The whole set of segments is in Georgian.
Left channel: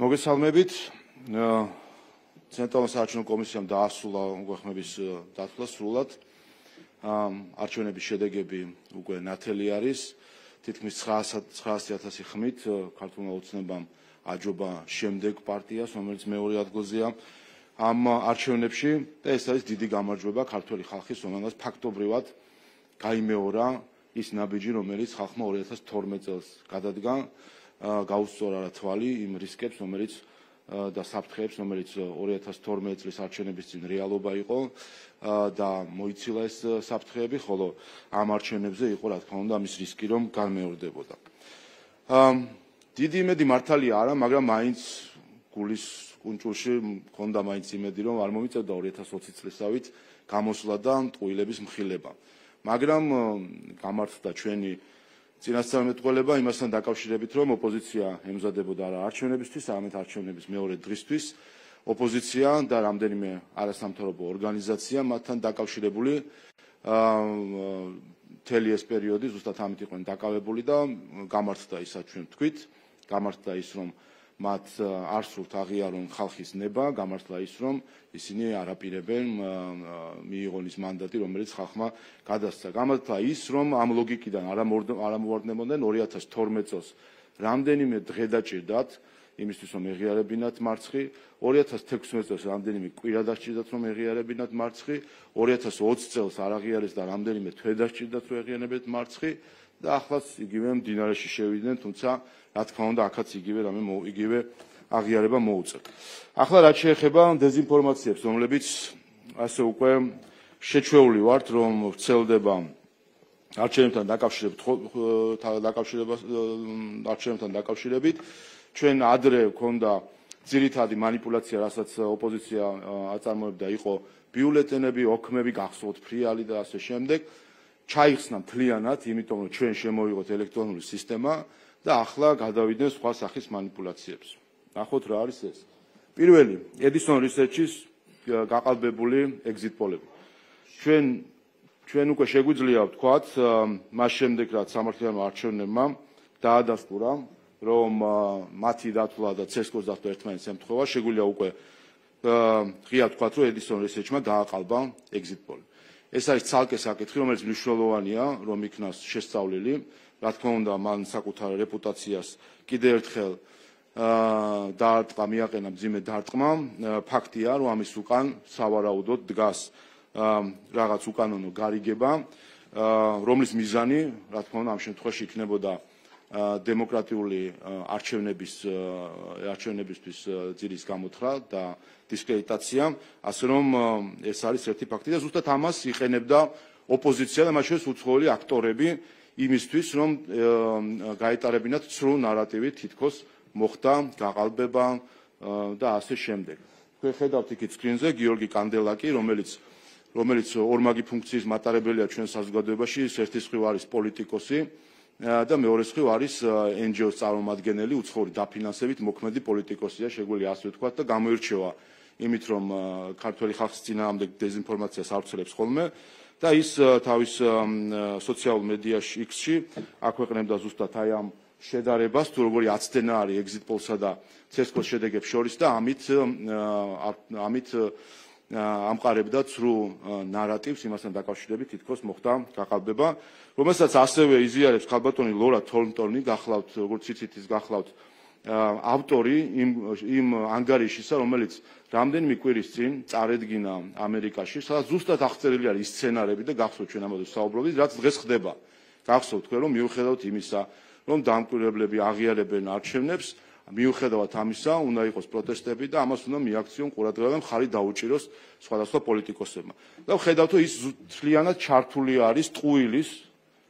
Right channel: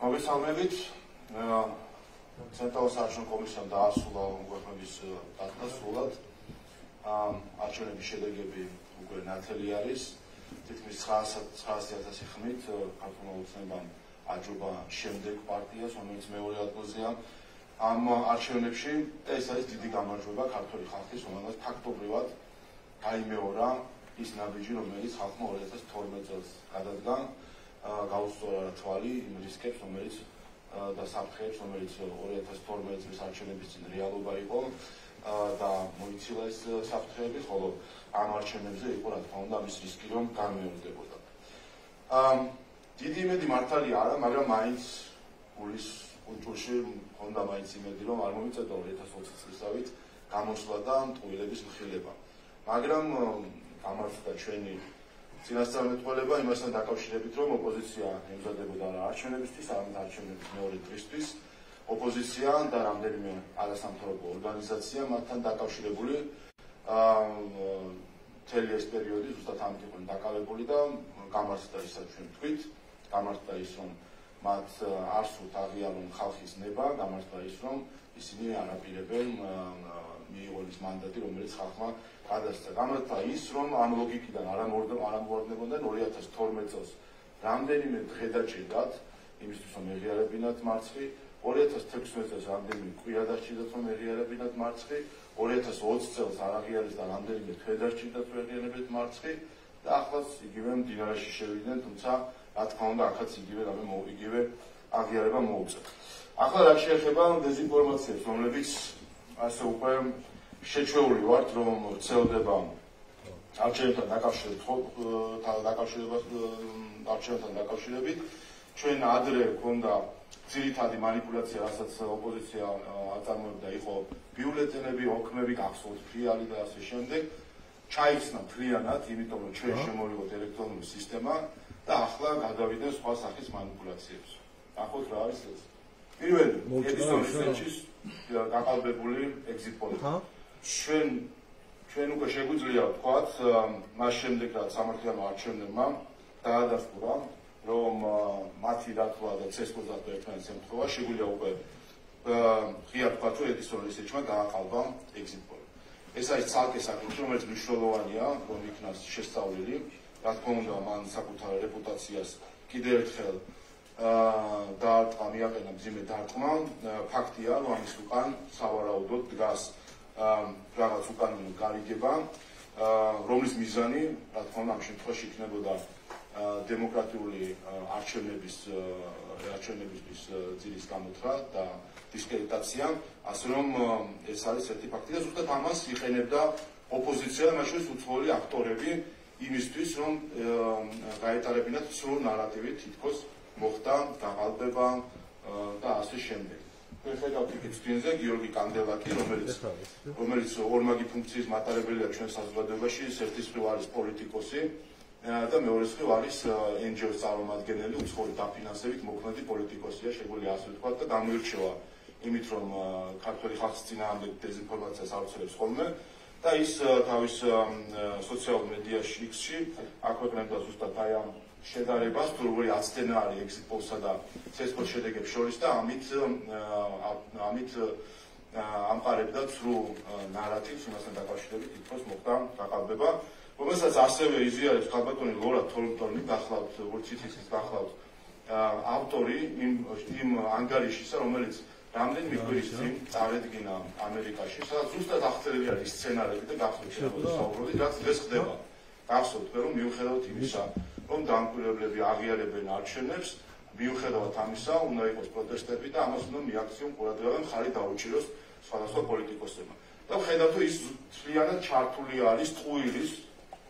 მოგესალმებით. ცენტრალურ საარჩევნო კომისიამ დაასრულა უგახმების დათვლა სრულად. არჩევნების შედეგები უკვე ნათელი არის. თითქმის 900,000 ხმით ქართულმა ოცნებამ აჯობა შემდეგ პარტიას, რომელიც მეორე ადგილზეა ამ არჩევნებში და ეს არის დიდი გამარჯვება ქართული ხალხის, რომელსაც ფაქტობრივად გაიმეორა ის ნაბიჯი, რომელიც ხალხმა 2012 წელს გადადგა, გაუსწორა თვალი იმ რისკებს, რომელიც და საფრთხეებს, რომელიც 2012 წლის არჩევნების წინ რეალობა იყო და მოიცილა ეს საფრთხეები, ხოლო ამ არჩევნებზე იყო, რა თქმა უნდა, ამის რისკი, რომ განმეორდებოდა. დიდი იმედი მართალია არა, მაგრამ მაინც გულის კუნჭულში მქონდა მაინც იმედი, რომ არ მომიწევდა 2020 წლისავით გამოსვლა და ტყუილების მხილება. მაგრამ გამართდა ჩვენი წინასწარმეტყველება იმასთან დაკავშირებით, რომ ოპოზიცია ემზადებოდა არა არჩევნებისთვის, არამედ არჩევნების მეორე დღისთვის. ოპოზიცია და რამდენიმე არასამთავრობო ორგანიზაცია მათთან დაკავშირებული მთელი ეს პერიოდი ზუსტად ამით იყვნენ დაკავებული და გამართდა ისაც ჩვენ ვთქვით, გამართდა ის, რომ მათ არ სურთ აღიარონ ხალხის ნება, გამართდა ის, რომ ისინი არაპირებენ მიიღონ ის მანდატი, რომელიც ხალხმა გადასცა. გამართდა ის, რომ ამ ლოგიკიდან არ ამოვარდნებოდნენ 2012 წელს რამდენიმე დღე დაჭირდათ იმისთვის, რომ ეღიარებინათ მარცხი, 2016 წელს რამდენიმე კვირა დაჭირდათ, რომ ეღიარებინათ მარცხი, 2020 წელს არ აღიარეს და რამდენიმე თვე დაჭირდათ, რომ ეღიარებინათ მარცხი და ახლაც იგივე მდინარეში შევიდნენ, თუმცა რა თქმა უნდა, აქაც იგივე აღიარება მოუწევთ. ახლა რაც შეეხება დეზინფორმაციებს, რომლებიც ასე უკვე შეჩვეული ვართ, რომ ვრცელდება არჩევნებთან დაკავშირებით, ჩვენ ადრე გვქონდა ძირითადი манипуляცია, რასაც ოპოზიცია აწარმოებდა, იყო ბიულეტენები, ოქმები, გახსოვთ ფრიალი და ასე შემდეგ. ჩაიხსნა მთლიანად, იმიტომ რომ ჩვენ შემოვიღოთ ელექტრონული სისტემა და ახლა გადავიდნენ სხვა სახის манипуляციებს. ნახოთ რა არის ეს. პირველი, Edison Research-ის გაყალბებული exit poll-ები. ჩვენ უკვე შეგვიძლია ვთქვათ, მას შემდეგ რაც სამართლებრივმა არჩევნებმა დაადასტურა, რომ მათი დათვლა და CSGO-ს დათვლა ერთმანეთს ემთხვევა, შეგვიძლია უკვე ღია ვთქვათ, რომ Edison Research-მა გააყალბა exit poll. ეს არის ცალკე საკითხი, რომელიც მნიშვნელოვანია, რომ იქნას შესწავლილი. რა თქმა უნდა, მან საკუთარ რეპუტაციას კიდევ ერთხელ დაარტყმა, მიაყენა მძიმე დარტყმა. ფაქტია, რომ ამის უკან სავარაუდოდ დგას რაღაც უკანონო გარიგება, რომლის მიზანი, რა თქმა უნდა, ამ შემთხვევაში იქნებოდა დემოკრატიული არჩევნებისთვის ძირის გამოთხრა და დისკრედიტაცია, ასე რომ ეს არის ერთი ფაქტი და ზუსტად ამას იყენებდა ოპოზიცია და მათ შორის უცხოელი აქტორები იმისთვის, რომ გაეტარებინათ სრულ ნარატივი, თითქოს მოხდა გაყალბება და ასე შემდეგ. ხედავთ იქით სკრინზე გიორგი კანდელაკი, რომელიც ორმაგი ფუნქციის მატარებელია ჩვენ საზოგადოებაში, ერთი მხრივ არის პოლიტიკოსი და მეორე მხრივ არის NGO-ს წარმომადგენელი, უცხოური დაფინანსებით მოქმედი პოლიტიკოსია, შეგვიძლია ასე ვთქვათ და გამოირჩევა იმით, რომ ქართველი ხალხის წინააღმდეგ დეზინფორმაციას ავრცელებს ხოლმე და ის თავის სოციალურ მედიაში X-ში აქვეყნებდა ზუსტად აი ამ შედარებას, თუ როგორი აცდენა არის exit poll-სა და CSGO-ს შედეგებს შორის და ამით ამყარებდა ცრუ ნარატივს იმასთან დაკავშირებით, თითქოს მოხდა გაყალბება, რომელსაც ასევე იზიარებს ქალბატონი ლორა თორნტონი, გახლავთ, როგორც იცით, ის გახლავთ ავტორი იმ ანგარიშისა, რომელიც რამდენიმე კვირის წინ წარედგინა ამერიკაში, სადაც ზუსტად აღწერილი არის სცენარები და გახსოვთ ჩვენ ამაზე საუბრობთ, რაც დღეს ხდება. გახსოვთ თქვენ, რომ მიუხედავად იმისა, რომ დამკვირვებლები აღიარებენ არჩევნებს, მიუხედავად ამისა, უნდა იყოს პროტესტები და ამას უნდა მიაქციონ ყურადღება და მხარი დაუჭიროს სხვადასხვა პოლიტიკოსებმა. და ხედავთ, რომ ის მთლიანად ჩართული არის ტყუილის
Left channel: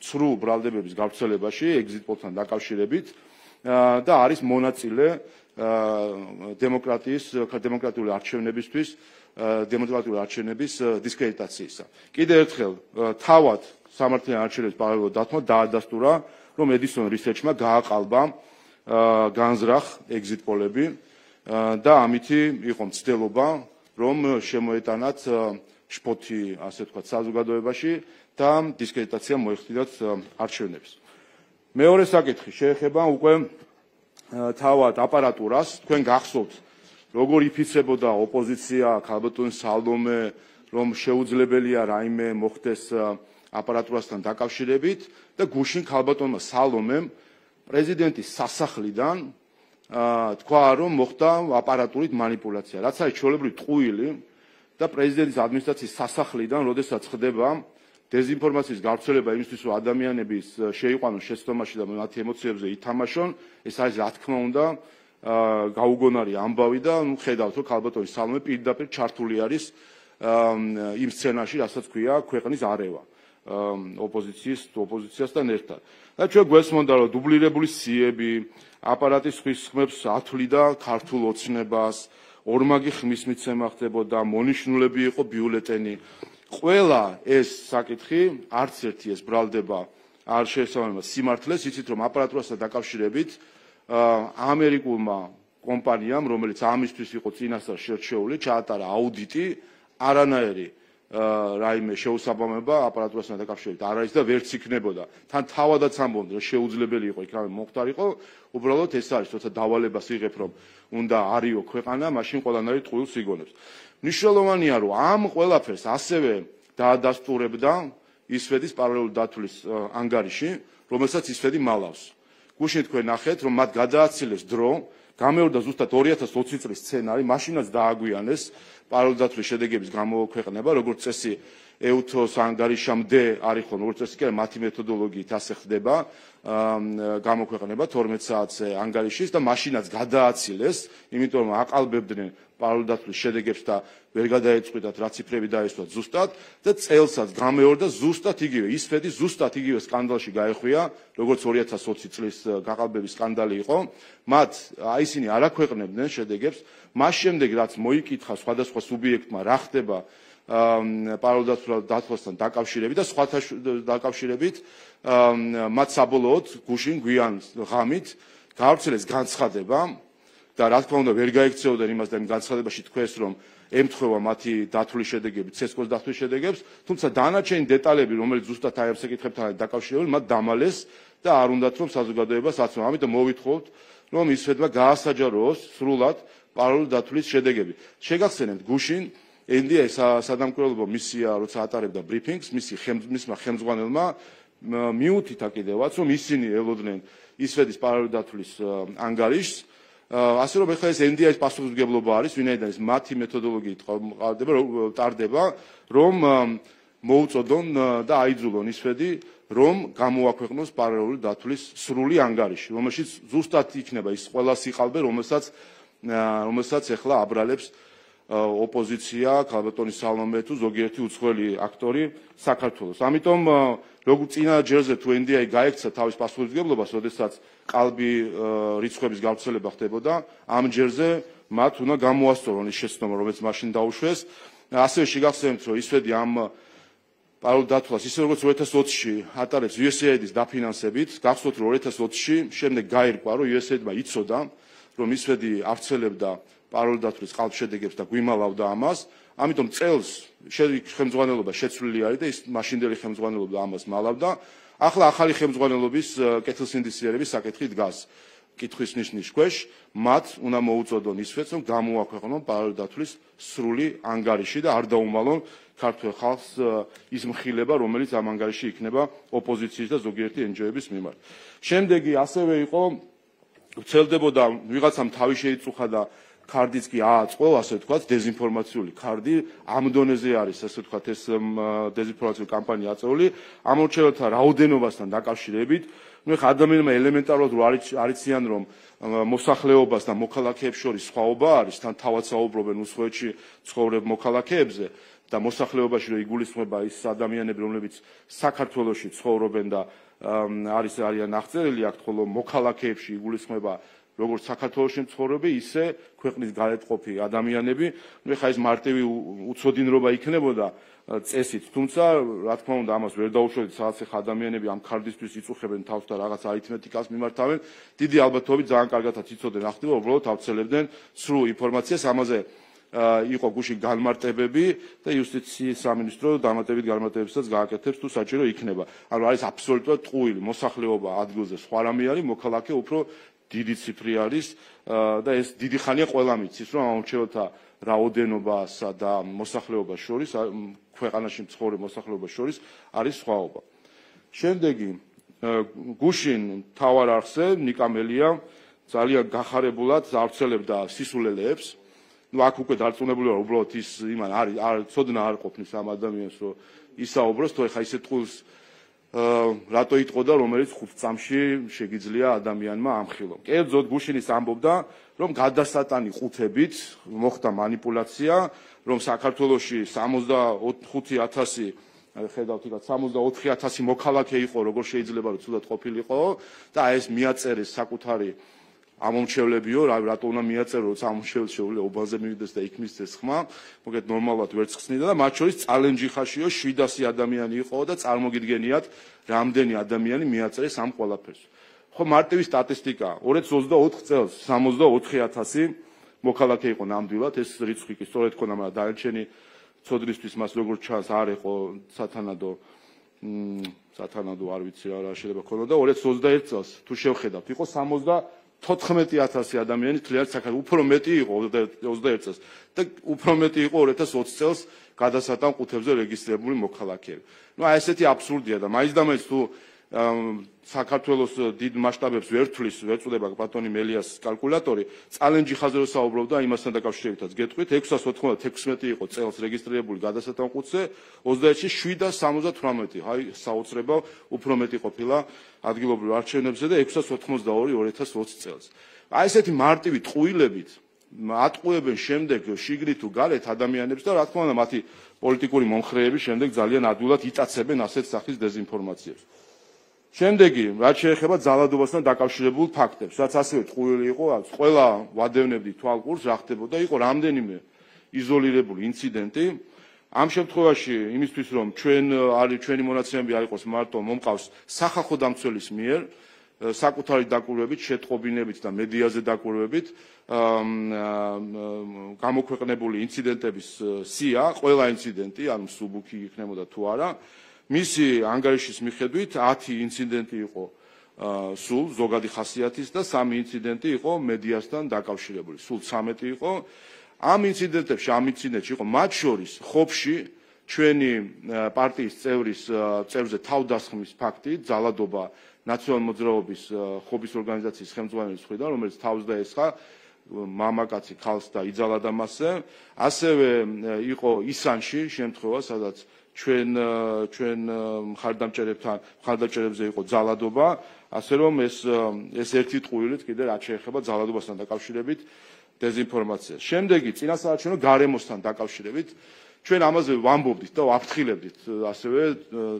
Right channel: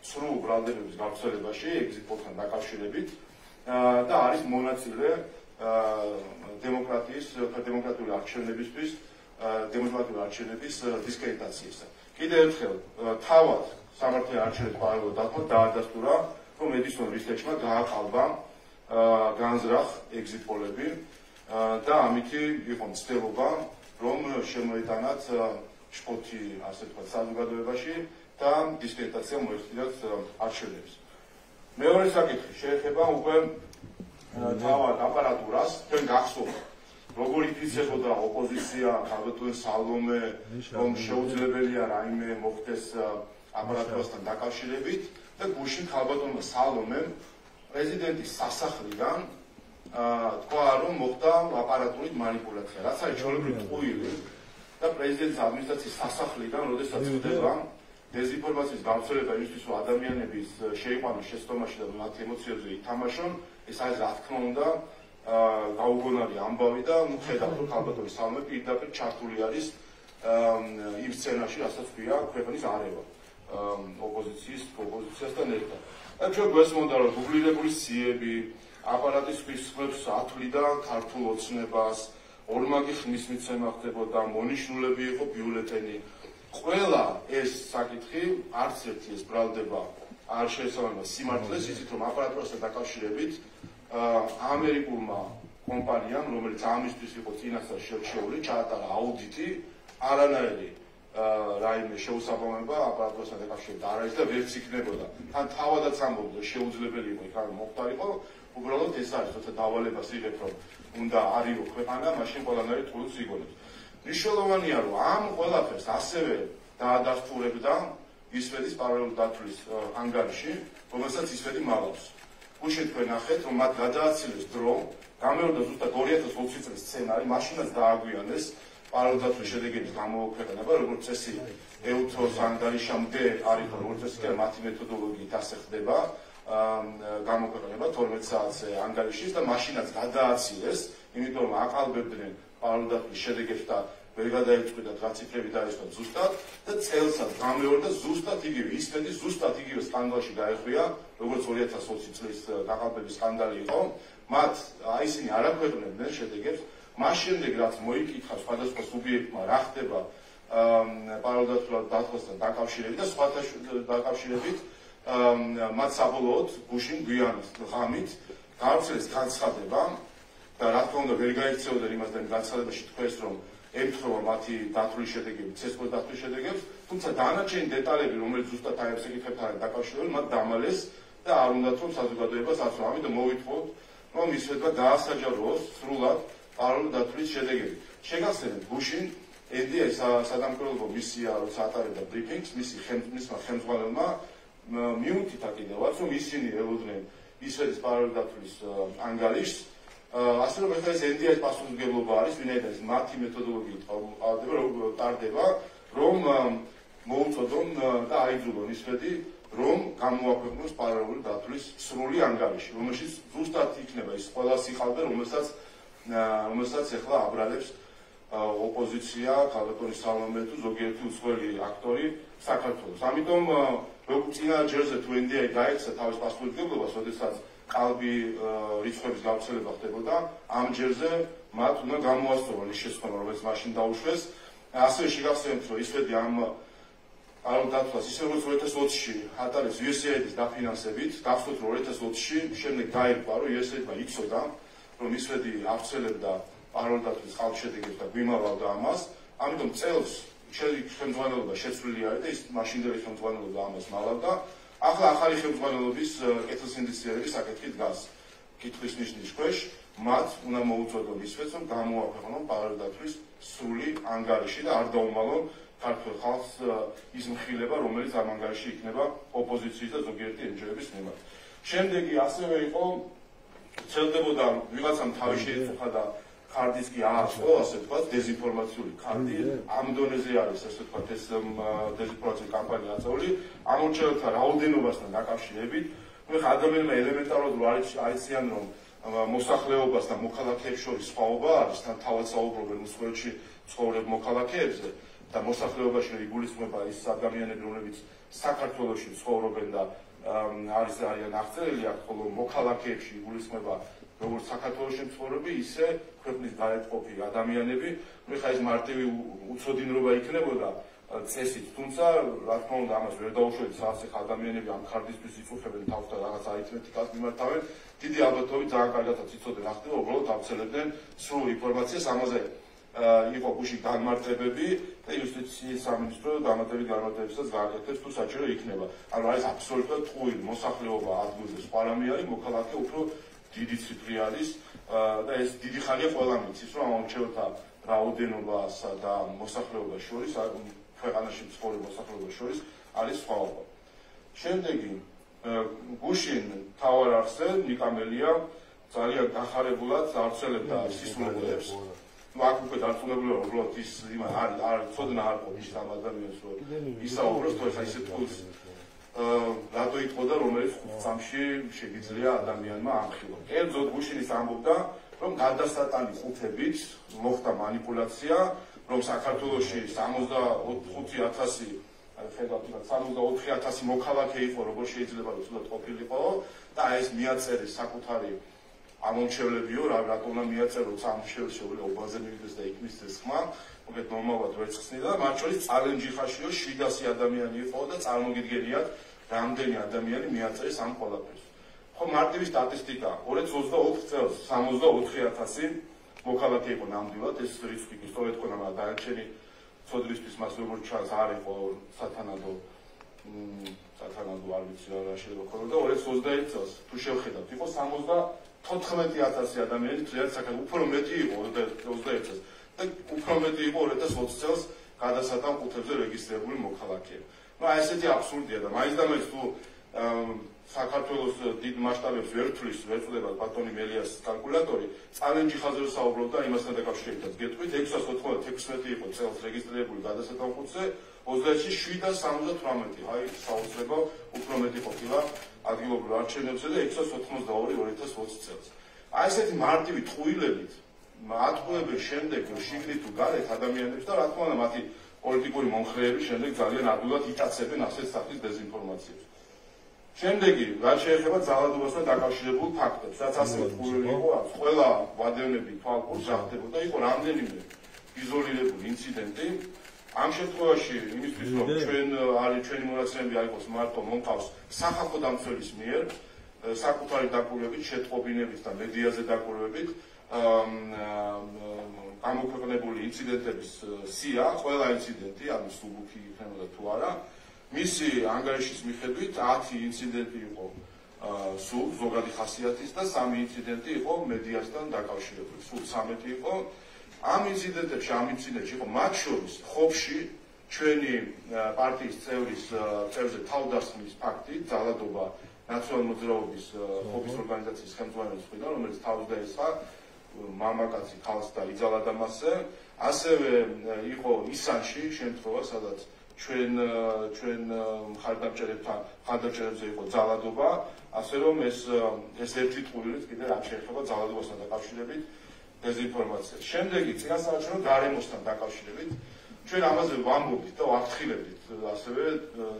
ცრუ ბრალდებების გავრცელებაში, exit poll-თან დაკავშირებით და არის მონაწილე დემოკრატიული არჩევნების დისკრედიტაციისა. კიდევ ერთხელ, თავად სამართლიანი არჩევნების პარალელურად დათმო დაადასტურა, რომ Edison Research-მა გააყალბა განზრახ exit poll-ები და ამითი იყო მცდელობა, რომ შემოეტანათ შფოთი, ასე ვთქვათ, საზოგადოებაში და დისკრედიტაცია მოეხდინათ არჩევნებს. მეორე საკითხი შეეხება უკვე თავად აპარატურას, თქვენ გახსოვთ, როგორ იფიცებოდა ოპოზიცია ქალბატონ სალომე, რომ შეუძლებელია რაიმე მოხდეს აპარატურასთან დაკავშირებით და გუშინ ქალბატონმა სალომემ პრეზიდენტის სასახლიდან თქვა, რომ მოხდა აპარატურით манипуляცია, რაც არის ჩვეულებრივი ტყუილი და პრეზიდენტის ადმინისტრაციის სასახლიდან, როდესაც ხდება დეზინფორმაციის გავრცელება იმისთვის, რომ ადამიანები შეიყვანონ შეცდომაში და მათი ემოციებზე ითამაშონ, ეს არის რა თქმა უნდა გაუგონარი ამბავი და ხედავთ, რომ ქალბატონი სალომე პირდაპირ ჩართული არის იმ სცენაში, რასაც ქვია ქვეყნის არევა ოპოზიციასთან ერთად. და ჩვენ გვესმოდა, რომ დუბლირებული სიები, აპარატის ხმებს ათვლიდა ქართულ ოცნებას, ორმაგი ხმის მიცემა ხდებოდა, მონიშნულები იყო ბიულეტენი. ყველა ეს საკითხი, არც ერთი ეს ბრალდება არ შეესაბამება სიმართლეს, იცით რომ აპარატურასთან დაკავშირებით ამერიკულმა კომპანიამ, რომელიც ამისთვის იყო წინასწარ შერჩეული, ჩაატარა აუდიტი, არანაირი რაიმე შეუსაბამება აპარატურასთან დაკავშირებით არ არის და ვერც იქნებოდა. თან თავადაც ამბობდნენ, რომ შეუძლებელი იყო იქ რამე მოხდარიყო, უბრალოდ ეს არის, როცა დავალებას იღებ, რომ უნდა არიო ქვეყანა, მაშინ ყველანაირი ტყუილს იგონებს. მნიშვნელოვანია, რომ ამ ყველაფერს ასევე დაადასტურებდა ისვედის პარალელური დათვლის ანგარიში, რომელსაც ისვედი მალავს. გუშინ თქვენ ნახეთ, რომ მათ გადააცილეს დრო, გამეორდა ზუსტად 2020 წლის სცენარი, მაშინაც დააგვიანეს პარალელური დათვლის შედეგების გამოქვეყნება, როგორც წესი ეუთოს ანგარიშამდე არის ხო, როგორც წესი კი არა, მათი მეთოდოლოგიით ასე ხდება გამოქვეყნება 12 საათზე ანგარიშის და მაშინაც გადააცილეს, იმიტომ რომ აყალბებდნენ პარალელური დათვლის შედეგებს და ვერ გადაეწყვიტათ რა ციფრები დაესვათ ზუსტად და წელსაც გამეორდა ზუსტად იგივე ისფედი ზუსტად იგივე სკანდალში გაეხვია როგორც 2020 წლის გაყალბების სკანდალი იყო მათ ისინი არ აქვეყნებდნენ შედეგებს მას შემდეგ რაც მოიკითხა სხვადასხვა სუბიექტმა რა ხდება პარალელურ დათვლასთან დაკავშირებით და სხვათა დაკავშირებით მათ საბოლოოდ გუშინ გვიან ღამით გავრცელეს განცხადება და რა თქმა უნდა ვერ გაიქცეოდნენ იმას და იმ განცხადებაში თქვეს რომ ემთხვევა მათი დათვლის შედეგები, ცესკოს დათვლის შედეგებს, თუმცა დანარჩენი დეტალები, რომელიც ზუსტად აი ამ საკითხებთან დაკავშირებული, მათ დამალეს და არ უნდათ რომ საზოგადოებას აცნო. ამიტომ მოვითხოვთ, რომ ისვედმა გაასაჯაროოს სრულად პარალელური დათვლის შედეგები. შეგახსენებთ, გუშინ NDI სადამკვირვებლო მისია, როცა ატარებდა ბრიფინგს, მისმა ხელმძღვანელმა მიუთითა კიდევაც, რომ ისინი ელოდნენ ისვედის პარალელური დათვლის ანგარიშს. ასე რომ ეხლა ეს NDI-ის პასუხისმგებლობა არის, ვინაიდან ეს მათი მეთოდოლოგიით ტარდება, რომ მოუწოდონ და აიძულონ ისვედი, რომ გამოაქვეყნოს პარალელური დათვლის სრული ანგარიში, რომელშიც ზუსტად იქნება ის ყველა სიყალბე, რომელსაც ეხლა აბრალებს ოპოზიცია, ქალბატონი სალომე თუ ზოგიერთი უცხოელი აქტორი საქართველოს. ამიტომ როგორც წინა ჯერზე თუ NDI გაექცა თავის პასუხისმგებლობას, როდესაც ყალბი რიცხვების გავრცელება ხდებოდა, ამ ჯერზე მათ უნდა გამოასწორონ ის შეცდომა, რომელიც მაშინ დაუშვეს. ასევე შეგახსენებთ, რომ ისვედი ამ პარალელურ დათვლას, ისე როგორც 2020-ში ატარებს USAID-ის დაფინანსებით, გახსოვთ, რომ 2020-ში შემდეგ გაირკვა, რომ USAID-მა იცოდა, რომ ისვედი ავრცელებდა პარალელურ დათვლის ყალბშედეგებს და გვიმალავდა ამას, ამიტომ წელს ხელმძღვანელობა შეცვლილი არის და ის მაშინდელი ხელმძღვანელობა ამას მალავდა. ახლა ახალი ხელმძღვანელობის კეთილსინდისიერების საკითხი დგას კითხვის ნიშნის ქვეშ, მათ უნდა მოუწოდონ ისვეთს, რომ გამოაქვეყნონ პარალელური დათვლის სრული ანგარიში და არ დაუმალონ ქართულ ხალხს ის მხილება, რომელიც ამ ანგარიში იქნება ოპოზიციის და ზოგიერთი NGO-ების მიმართ. შემდეგი ასევე იყო ვრცელდებოდა ვიღაცამ თავი შეიწუხა და ქარდიც კი ააწყო, ასე ვთქვათ, დეზინფორმაციული ქარდი, ამ დონეზე არის, ასე ვთქვათ, ეს დეზინფორმაციული კამპანია აწეული, ამორჩეულთა რაოდენობასთან დაკავშირებით, ნუ ხა ადამიანებმა ელემენტარულად არიციან, რომ მოსახლეობას და მოქალაქეებს შორის სხვაობა არის, თან თავად საუბრობენ უცხოეთში ცხოვრებ მოქალაქეებზე და მოსახლეობაში რომ იგულისხმება ის ადამიანები, რომლებიც საქართველოში ცხოვრობენ და არიან აღწერილი აქ, ხოლო მოქალაქეებში იგულისხმება როგორც საქართველოში მცხოვრები, ისე ქვეყნის გარეთყოფი ადამიანები, ნუ ხა ეს მარტივი უცოდინრობა იქნებოდა წესით, თუმცა რა თქმა უნდა ამას ვერ დაუშვებთ, სადაც ხა ადამიანები ამ ქარდისთვის იწუხებენ თავს და რაღაც არითმეტიკას მიმართავენ, დიდი ალბათობით ძალიან კარგადაც იცოდნენ რა ხდება, უბრალოდ ავცელებდნენ სრულ ინფორმაციას, ამაზე იყო გუშინ განმარტებები და იუსტიციის სამინისტრო დამატებით განმარტებებსაც გააკეთებს თუ საჭირო იქნება. ანუ არის აბსოლუტურად ტყუილი მოსახლეობა ადგილზე სხვა რამე არის, მოქალაქე უფრო დიდი ციფრი არის და ეს დიდი ხანია ყველა მიცის, რომ ამორჩეულთა რაოდენობასა და მოსახლეობას შორის, ქვეყანაში მცხოვრებ მოსახლეობას შორის არის სხვაობა. შემდეგი გუშინ მთავარ არხზე ნიკამელია ძალიან გახარებულად ავრცელებდა სისულელეებს. აქ უკვე დარწმუნებულია, რომ უბრალოდ ის იმან არის ცოდნა არ ყოფნის ამ ადამიანს, რომ ისაუბროს, თუ ეხა ისე თულს რატო იტყოდა, რომელიც 5 წამში შეგიძლია ადამიანმა ამხილო. კერძოდ გუშინის ამბობდა, რომ გადასატანი ყუთებით მოხდა манипуляция, რომ საქართველოში 65,000 ხედავთ, 64,000 მოქალაქე იყო, როგორ შეიძლება რომ ცუდად ყოფილიყო და ეს მიაწერეს საკუთარი ამომრჩევლებიო, რატო უნდა მიაწერო, როცა ამომრჩეველი შეუძლია უბანზე მივიდეს და იქ მისცეს ხმა, მოგეთ ნორმალურად ვერც ხსნიდა და მათ შორის წალენჯიხაშიო 700 ადამიანი იყო და წარმოგიდგენიათ, რამდენი ადამიანი მიაწერეს ამ ყველაფერს. ხო, მარტივი სტატისტიკა, 2024 წელს 64,000 მოქალაქე იყო ნამდვილად, ეს რიცხვი კი სწორედ ხონდა, მაგრამ დანარჩენი ცოდნისთვის მას როგორ ჩანს არ იყო სათანადო არ ვიცი რა შეიძლება ქონოდა და 2021 წელს თუ შევხედავთ იყო 74,000 ადამიანი თლიანად საქართველოს, უფრო მეტი იყო 21 წელს და უფრო მეტი იყო 2020 წელს გადასატან ყუთებზე რეგისტრირებული მოქალაქეები. ნუ აი ესეთი აბსურდია და მაინც და მაინც თუ საქართველოს დიდ მასშტაბებს ვერ თვლის, ვერ წუდება ბატონი მელიას კალკულატორი, წალენჯიხაზე რო საუბრობდა, იმასთან დაკავშირებითაც გეტყვით, 696 იყო წელს რეგისტრირებული გადასატან ყუთზე, 21-ში 778, აი საოცრება უფრო მეტი ყოფილა ადგილობრივ არჩევნებზე და 692 2020 წელს. აი ესეთი მარტივი ტყუილებით ატყუებენ შემდეგ შიგნით თუ გარეთ ადამიანებს და რა თქმა უნდა მათი პოლიტიკური მომხრეები შემდეგ ძალიან ადვილად იტაცებენ ასეთ სახის დეზინფორმაციებს. შემდეგი, რაც შეეხება ძალადობასთან დაკავშირებულ ფაქტებს, რაც ასევე ტყუილი იყო, ყველა ვადევნებდი თვალყურს ზახდებოდა, იყო რამდენიმე იზოლირებული ინციდენტი. ამ შემთხვევაში იმისთვის რომ ჩვენი მონაცემები არ იყოს მარტო მომყავს სახალხო დამცველის მიერ საკუთარი დაკვირვებით, შეტყობინებით და მედიაზე დაკვირვებით გამოქვეყნებული ინციდენტების სია, ყველა ინციდენტი, ანუ სუბუქი იქნებოდა თუ არა, მისი ანგარიშის მიხედვით 10 ინციდენტი იყო სულ ზოგადი ხასიათის და 3 ინციდენტი იყო მედიასთან დაკავშირებული. სულ 13 იყო. ამ ინციდენტებში იყო მათ შორის ხობში ჩვენი პარტიის წევრზე თავდასხმის ფაქტი, ძალადობა ნაციონალურ მოძრაობის ხობის ორგანიზაციის ხელმძღვანელის მხრიდან, რომელიც თავს დაესხა მამაკაცი ქალს და იძალა მასზე. ასევე იყო ისანში შემთხვევა, სადაც ჩვენ მხარდამჭერებზე იყო ძალადობა, ასე რომ ეს ერთი ტყუილით კიდე რაც შეეხება ძალადობასთან დაკავშირებით დეზინფორმაციას. შემდეგი წინასაარჩევნო გარემოსთან დაკავშირებით ჩვენ ამაზე ვამბობდით და ვაფრთხილებდით ასევე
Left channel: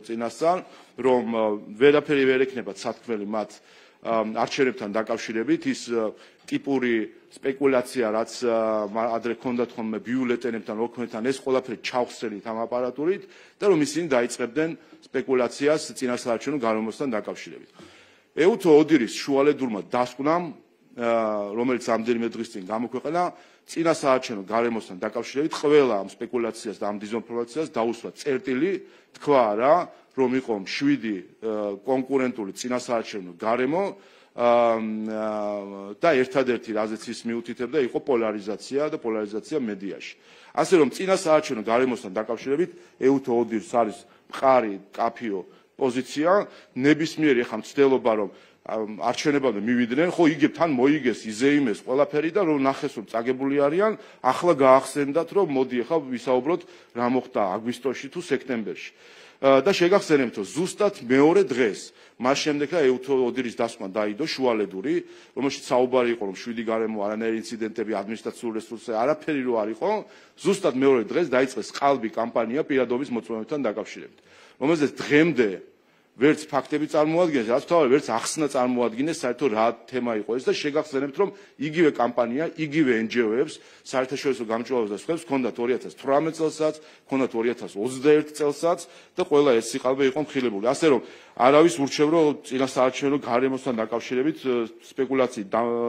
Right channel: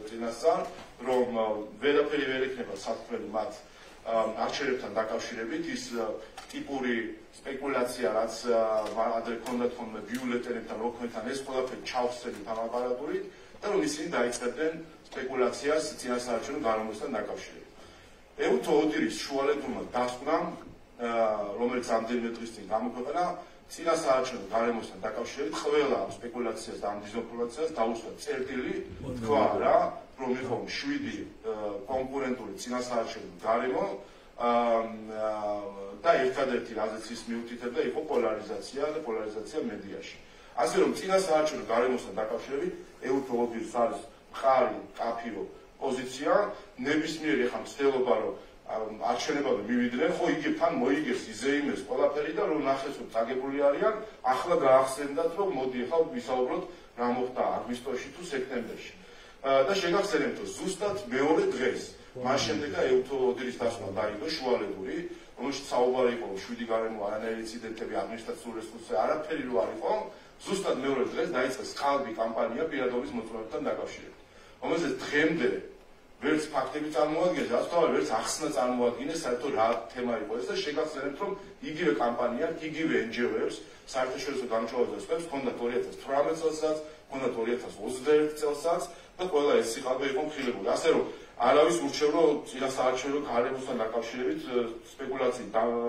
წინასწარ, რომ ვერაფერი ვერ ექნება სათქმელი მათ არჩევნებთან დაკავშირებით, ის ტიპური სპეკულაცია, რაც ადრე ჰქონდათ ხოლმე ბიულეტენებთან, ოქროთთან, ეს ყველაფერი ჩავხსენით ამ აპარატურით და რომ ისინი დაიწყებდნენ სპეკულაციას წინასაარჩევნო გარემოსთან დაკავშირებით. ეუთო ოდირის შუალედურმა დასკვნამ, რომელიც ამდენიმე დღის წინ გამოქვეყნა, წინასაარჩევნო გარემოსთან დაკავშირებით ყველა ამ სპეკულაციას და ამ დეზინფორმაციას დაუსვა წერტილი, თქვა რა, რომ იყო 7 კონკურენტული წინასაარჩევნო გარემო და ერთადერთი რაზეც ის მიუთითებდა იყო პოლარიზაცია მედიაში. ასე რომ წინასაარჩევნო გარემოსთან დაკავშირებით ეუთო ოდირს არის მყარი კაფიო პოზიცია, ნებისმიერი ახლა მცდელობა რომ არჩევნებამდე მივიდნენ, ხო იგებ თან მოიგეს, იზეიმეს ყველაფერი და რომ ნახეს რომ წაგებული არიან, ახლა გაახსენდათ რომ მოდი ახლა ვისაუბროთ რა მოხდა აგვისტოში თუ სექტემბერში. და შეგახსენებთ რომ ზუსტად მეორე დღეს მას შემდეგ ეუთო ოდირის დასკვნა დაიდო შუალედური, რომელშიც საუბარი იყო რომ 7 გარემო არანაირი ინციდენტები ადმინისტრაციულ რესურსზე არაფერი რო არ იყო, ზუსტად მეორე დღეს დაიწყეს ყალბი კამპანია პირადობის მოწმობებთან დაკავშირებით, რომელზეც დღემდე ვერც ფაქტები წარმოადგენს, რაც თავი ვერც ახსნა წარმოადგენს, საერთოდ რა თემა იყო ეს და შეგახსენებთ რომ იგივე კამპანია, იგივე NGO-ებს, საერთაშორისო გამჭვირვალეებს და სხვებს ჰქონდათ 2018 წელსაც, ჰქონდათ 2021 წელსაც და ყველა ეს სიყალბე იყო მხილებული. ასე რომ არავის ურჩევ რომ წინასაარჩევნო გარემოსთან დაკავშირებით სპეკულაციით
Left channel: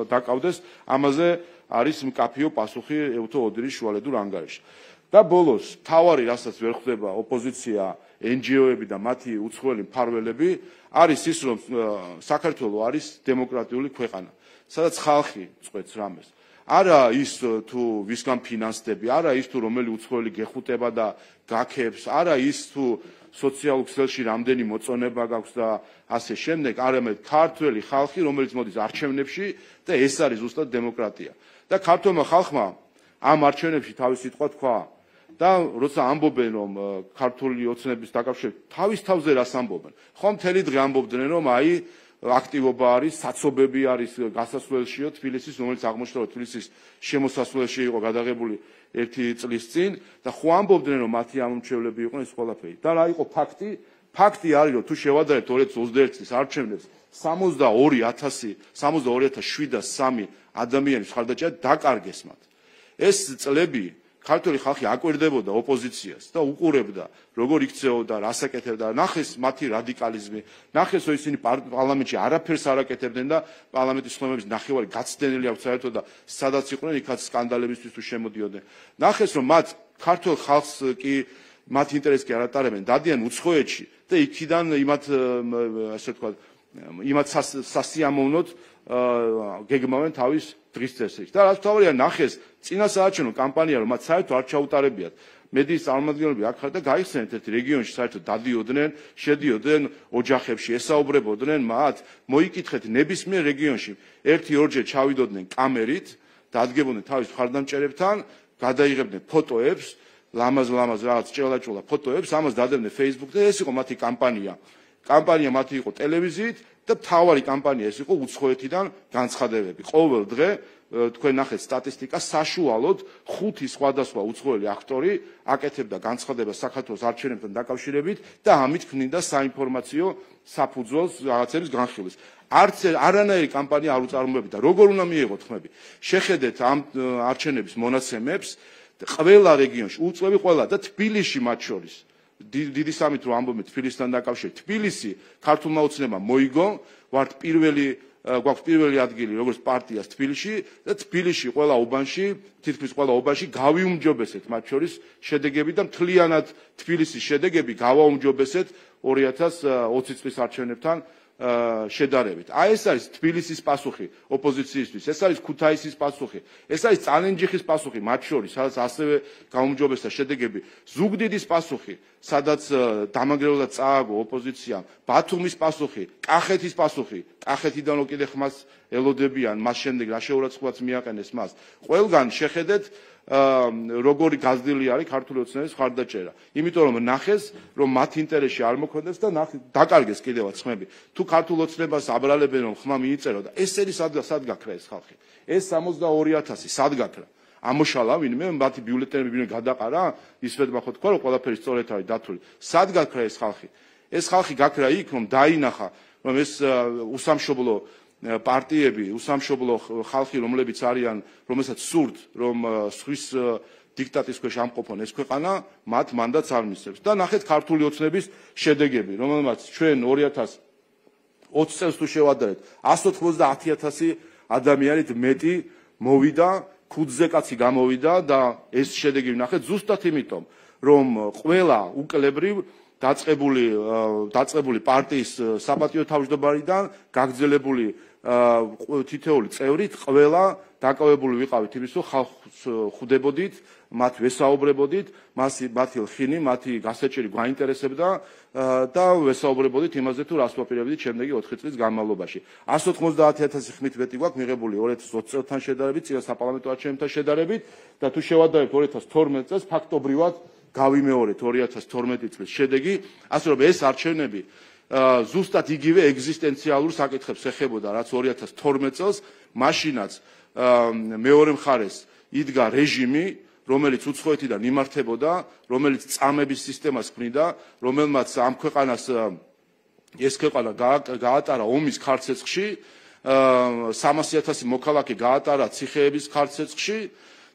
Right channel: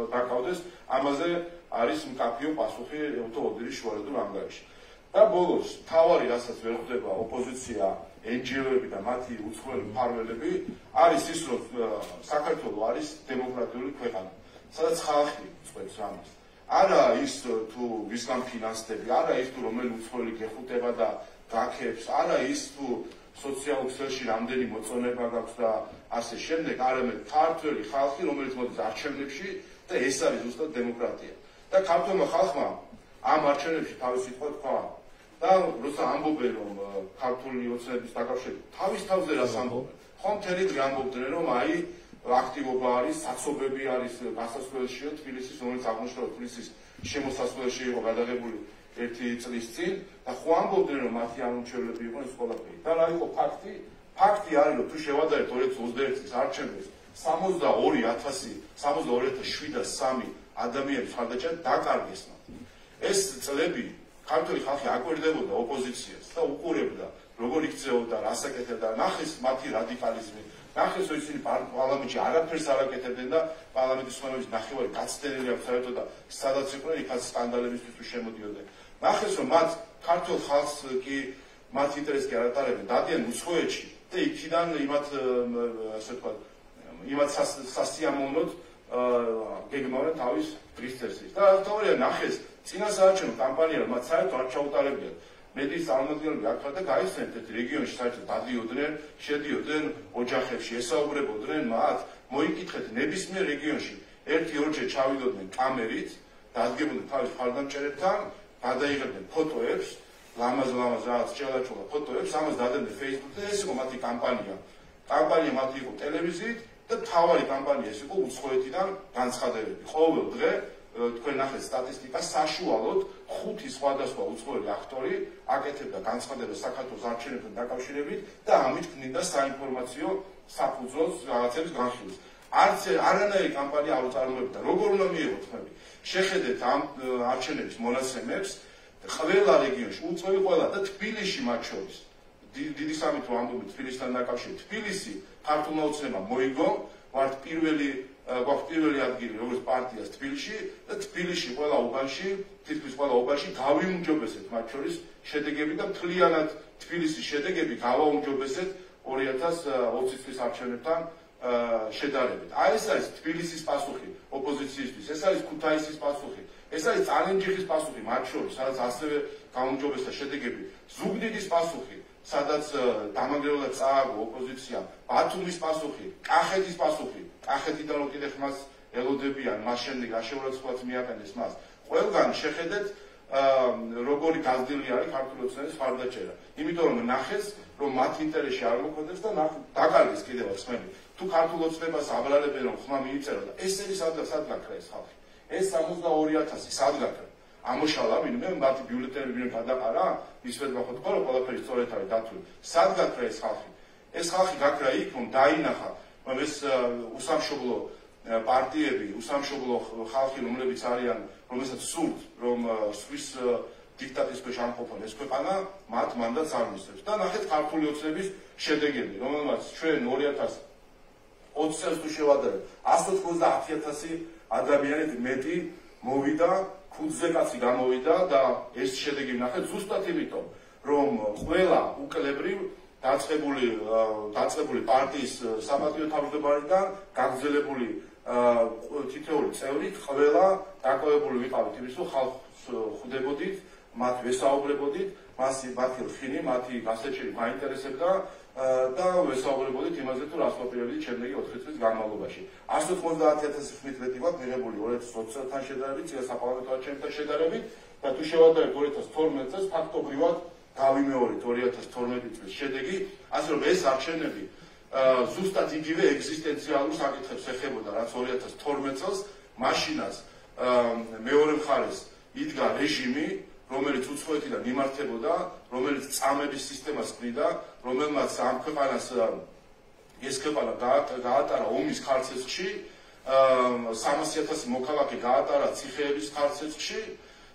დაკავდეს, ამაზე არის მკაფიო პასუხი ეუთო ოდირის შუალედურ ანგარიშში. და ბოლოს თავარი რასაც ვერ ხვდება ოპოზიცია, NGO-ები და მათი უცხოელი მფარველები არის ის რომ საქართველო არის დემოკრატიული ქვეყანა სადაც ხალხი წყვეტს რამეს. არა ის თუ ვისგან ფინანსდები, არა ის თუ რომელი უცხოელი გეხუტება და გაქებს, არა ის თუ სოციალურ ქსელში რამდენი მოწონება გაქვს და ასე შემდეგ, არამედ ქართველი ხალხი, რომელიც მოდის არჩევნებში და ეს არის ზუსტად დემოკრატია. და ქართულმა ხალხმა ამ არჩევნებში თავის სიტყვა თქვა და როცა ამბობენ რომ ქართული ოცნების დაკავშირებით თავის თავზე რას ამბობენ, ხომ მთელი დღე ამბობდნენ რომ აი აქტივობა არის, საცობები არის გასასვლელშიო თბილისის, რომელიც აღმოჩნდა თბილისის შემოსასვლელში იყო გადაღებული 1 წლის წინ და ხო ამბობდნენ რომ მათი ამომრჩევლები იყვნენ ეს ყველაფერი. და რა იყო ფაქტი? ფაქტი არის რომ თუ შევადარებთ 2021 წლის არჩევნებს 62,703 ადამიანის ხარდაჭერა დაკარგეს მათ. ეს წლები ქართული ხალხი აკვირდებოდა ოპოზიციას და უყურებდა როგორ იქცეოდა, რას აკეთებდა, ნახეს მათი რადიკალიზმი, ნახეს რომ ისინი პარლამენტში არაფერს არ აკეთებდნენ და პარლამენტის ხმების ნახევარი გაცდენილი აქვს საერთოდ და სადაც იყვნენ იქაც სკანდალებისთვის თუ შემოდიოდნენ. ნახეს რომ მათ ქართულ ხალხს კი მათ ინტერესს კი არ ატარებდნენ, დადიან უცხოეთში და იქიდან იმათ ასე ვთქვათ, იმათ სასიამოვნოდ გეგმავენ თავის დღის წესრიგს. და რაც თავია ნახეს წინასაარჩევნო კამპანია რომ მათ საერთოდ არ ჩაუტარებიათ. მედიის წარმომადგენლები აქ და გაიხსენეთ ერთ რეგიონში საერთოდ დადიოდნენ, შედიოდნენ ოჯახებში, ესაუბრებოდნენ მათ, მოიკითხეთ ნებისმიერ რეგიონში 1-2 ჩავიდოდნენ კამერით, დადგებოდნენ თავის მხარდამჭერებთან, გადაიღებდნენ ფოტოებს, ლამაზ რაღაც ჭელა-ჭელა ფოტოებს, ამას დადებდნენ Facebook-ზე, ეს იყო მათი კამპანია. კამპანია მათი იყო ტელევიზიით და თავარი კამპანია ეს იყო უცხოეთიდან განცხადებები. ყოველ დღე თქვენ ნახეთ სტატისტიკა, საშუალოდ 5 სხვადასხვა უცხოელი აქტორი აკეთებდა განცხადებას საქართველოს არჩევნებთან დაკავშირებით და ამით ქმნიდა საინფორმაციო საფუძველს რაღაცების განხილვის. არანაირი კამპანია არ უწარმოებდა. როგორ უნდა მიიღოთ ხმები? შეხედეთ ამ არჩევნების მონაცემებს, ყველა რეგიონში, უწყლები ყველა და თბილისში მათ შორის. დიდი სამით რომ ამბობენ თბილისთან დაკავშირებით. თბილისი ქართულმა ოცნებამ მოიგო, ვართ გვაქვს პირველი ადგილი როგორც პარტიას თბილისში და თბილისში ყველა უბანში, თითქმის ყველა უბანში გავიუმჯობესეთ მათ შორის შედეგები და მთლიანად თბილისის შედეგები გავაუმჯობესეთ 2020 წლის არჩევნებთან შედარებით. აი ეს არის თბილისის პასუხი ოპოზიციისთვის, ეს არის ქუთაისის პასუხი, ეს არის წანენჯიხის პასუხი მათ შორის, სადაც ასევე გაუმჯობესდა შედეგები, ზუგდიდის პასუხი, სადაც დამანგრეულად წააგო ოპოზიცია, ბათუმის პასუხი, კახეთის პასუხი, კახეთიდან უკიდე ხმას ელოდებიან, მას შემდეგ რა შეურაცხყოფაც მიაყენეს მას. ყველგან შეხედეთ როგორი გაზრდილი არის ქართული ოცნების მხარდაჭერა. იმიტომ რომ ნახეს, რომ მათ ინტერესში არ მოქმედებს და დაკარგეს კიდევაც ხმები. თუ ქართულ ოცნებას აბრალებენ რომ ხმა მიიწერო და ესენი სად გაქრა ეს ხალხი? ეს 62,000 სად გაქრა? ამოშალა ვინმე მათი ბიულეტენები ვინმე გადაყარა, ისვეთმა ხო თქვა რომ ყველაფერი სწორედ არის დათვლილი. სად გაქრა ეს ხალხი? ეს ხალხი გაქრა იქ რომ დაინახა რომ ეს უსამშობლო პარტიები, უსამშობლო ხალხი, რომლებიც არიან, რომელსაც სურთ, რომ სვის დიქტატის ქვეშ ამყოფონ ეს ქვეყანა, მათ მანდატს არ მისცემს. და ნახეთ ქართული ოცნების შედეგები, რომელმაც ჩვენ 2020 წელს თუ შევადარებთ, 190,000 ადამიანით მეტი მოვიდა, ქუდზე კაცი გამოვიდა და ეს შედეგი ნახეთ ზუსტად იმიტომ, რომ ყველა უკლებრივ დაწყებული პარტიის საპატიო თავმჯდომარიდან გაგრძელებული თითოეული წევრით ყველა დაკავებული ვიყავით იმის, რომ ხალხს ხვდებოდით, მათ ვესაუბრებოდით, მათი ხინი, მათი გასაჭირი გვაინტერესებდა და ვესაუბრებოდით იმაზე, თუ რას ვაპირებდით შემდეგი 4 წლის განმავლობაში. 190,000 ხმით მეტი გვაქვს მიღებული 2020 წელთან შედარებით, წინა საპარლამენტო არჩევნებთან შედარებით და თუ შევადარებთ 2012 წელს ფაქტობრივად გავიმეორეთ 2012 წლის შედეგი, ასე რომ ეს არჩევნები ზუსტად იგივე ეგზისტენციალურ საკითხებს ეხებოდა, რაც 2012 წელს, მაშინაც მეორე მხარეს იდგა რეჟიმი, რომელიც უცხოეთიდან იმართებოდა, რომელიც წამების სისტემას ქმნიდა, რომელმაც ამ ქვეყანას ეს ქვეყანა გაატარა ომის ქარცეცხლში, 300,000 მოქალაქე გაატარა ციხეების ქარცეცხლში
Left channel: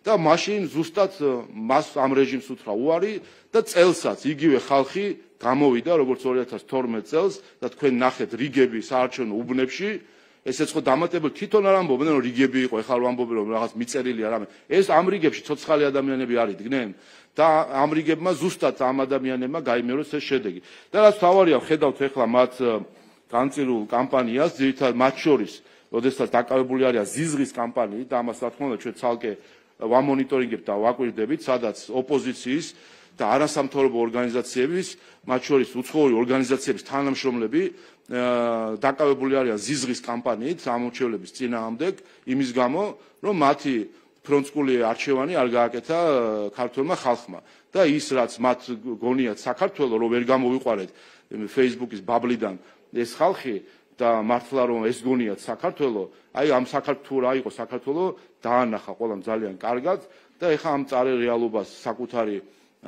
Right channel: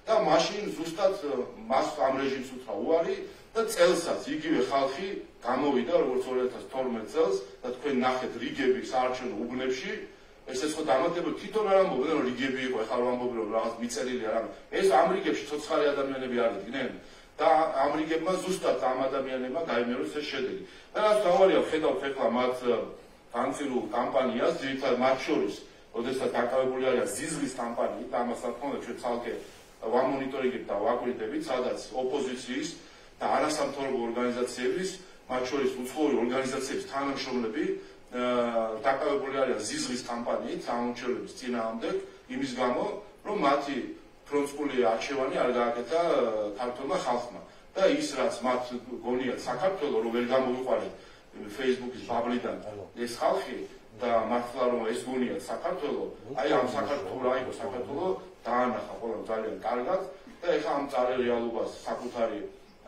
და მაშინ ზუსტად მას ამ რეჟიმს უთხრა უარი და წელსაც იგივე ხალხი გამოვიდა როგორც 2012 წელს და თქვენ ნახეთ რიგები საარჩევნო უბნებში, ესეც ხო დამატებული თვითონ არ ამბობენ რომ რიგები იყო, ეხლა ამბობენ რომ რაღაც მიწერილი არამე. ეს ამ რიგებში ცოცხალი ადამიანები არ იდგნენ და ამ რიგებმა ზუსტად ამ ადამიანებმა გაიმეორეს ეს შედეგი. და რაც თავარია, ხედავთ ეხლა მათ განწირულ კამპანიას, ძირითადად მათ შორის როდესაც დაკავებული არიან ზიზღის კამპანიით და ამას რა თქმა უნდა ჩვენ ცალკე ვამონიტორინგებთ და ვაკვირდებით, სადაც ოპოზიციის და არასამთავრობო ორგანიზაციების, მათ შორის უცხოური ორგანიზაციების თანამშრომლები დაკავებული არიან ზიზღის კამპანიით ამორჩევლების წინააღმდეგ, იმის გამო, რომ მათი ფრონტსკული არჩევანი არ გააკეთა ქართველმა ხალხმა. და ის რაც მათ გონიათ საქართველოს რომ ვერ გამოვიყვარეთ Facebook-ის ბაბლიდან ეს ხალხი და მართლა რომ ეს გონიათ საქართველოს, აი ამ საქართველოს რა იყო საქართველოს დაანახა ყველამ ძალიან კარგად და ეხა ამ წარე რეალობას საკუთარი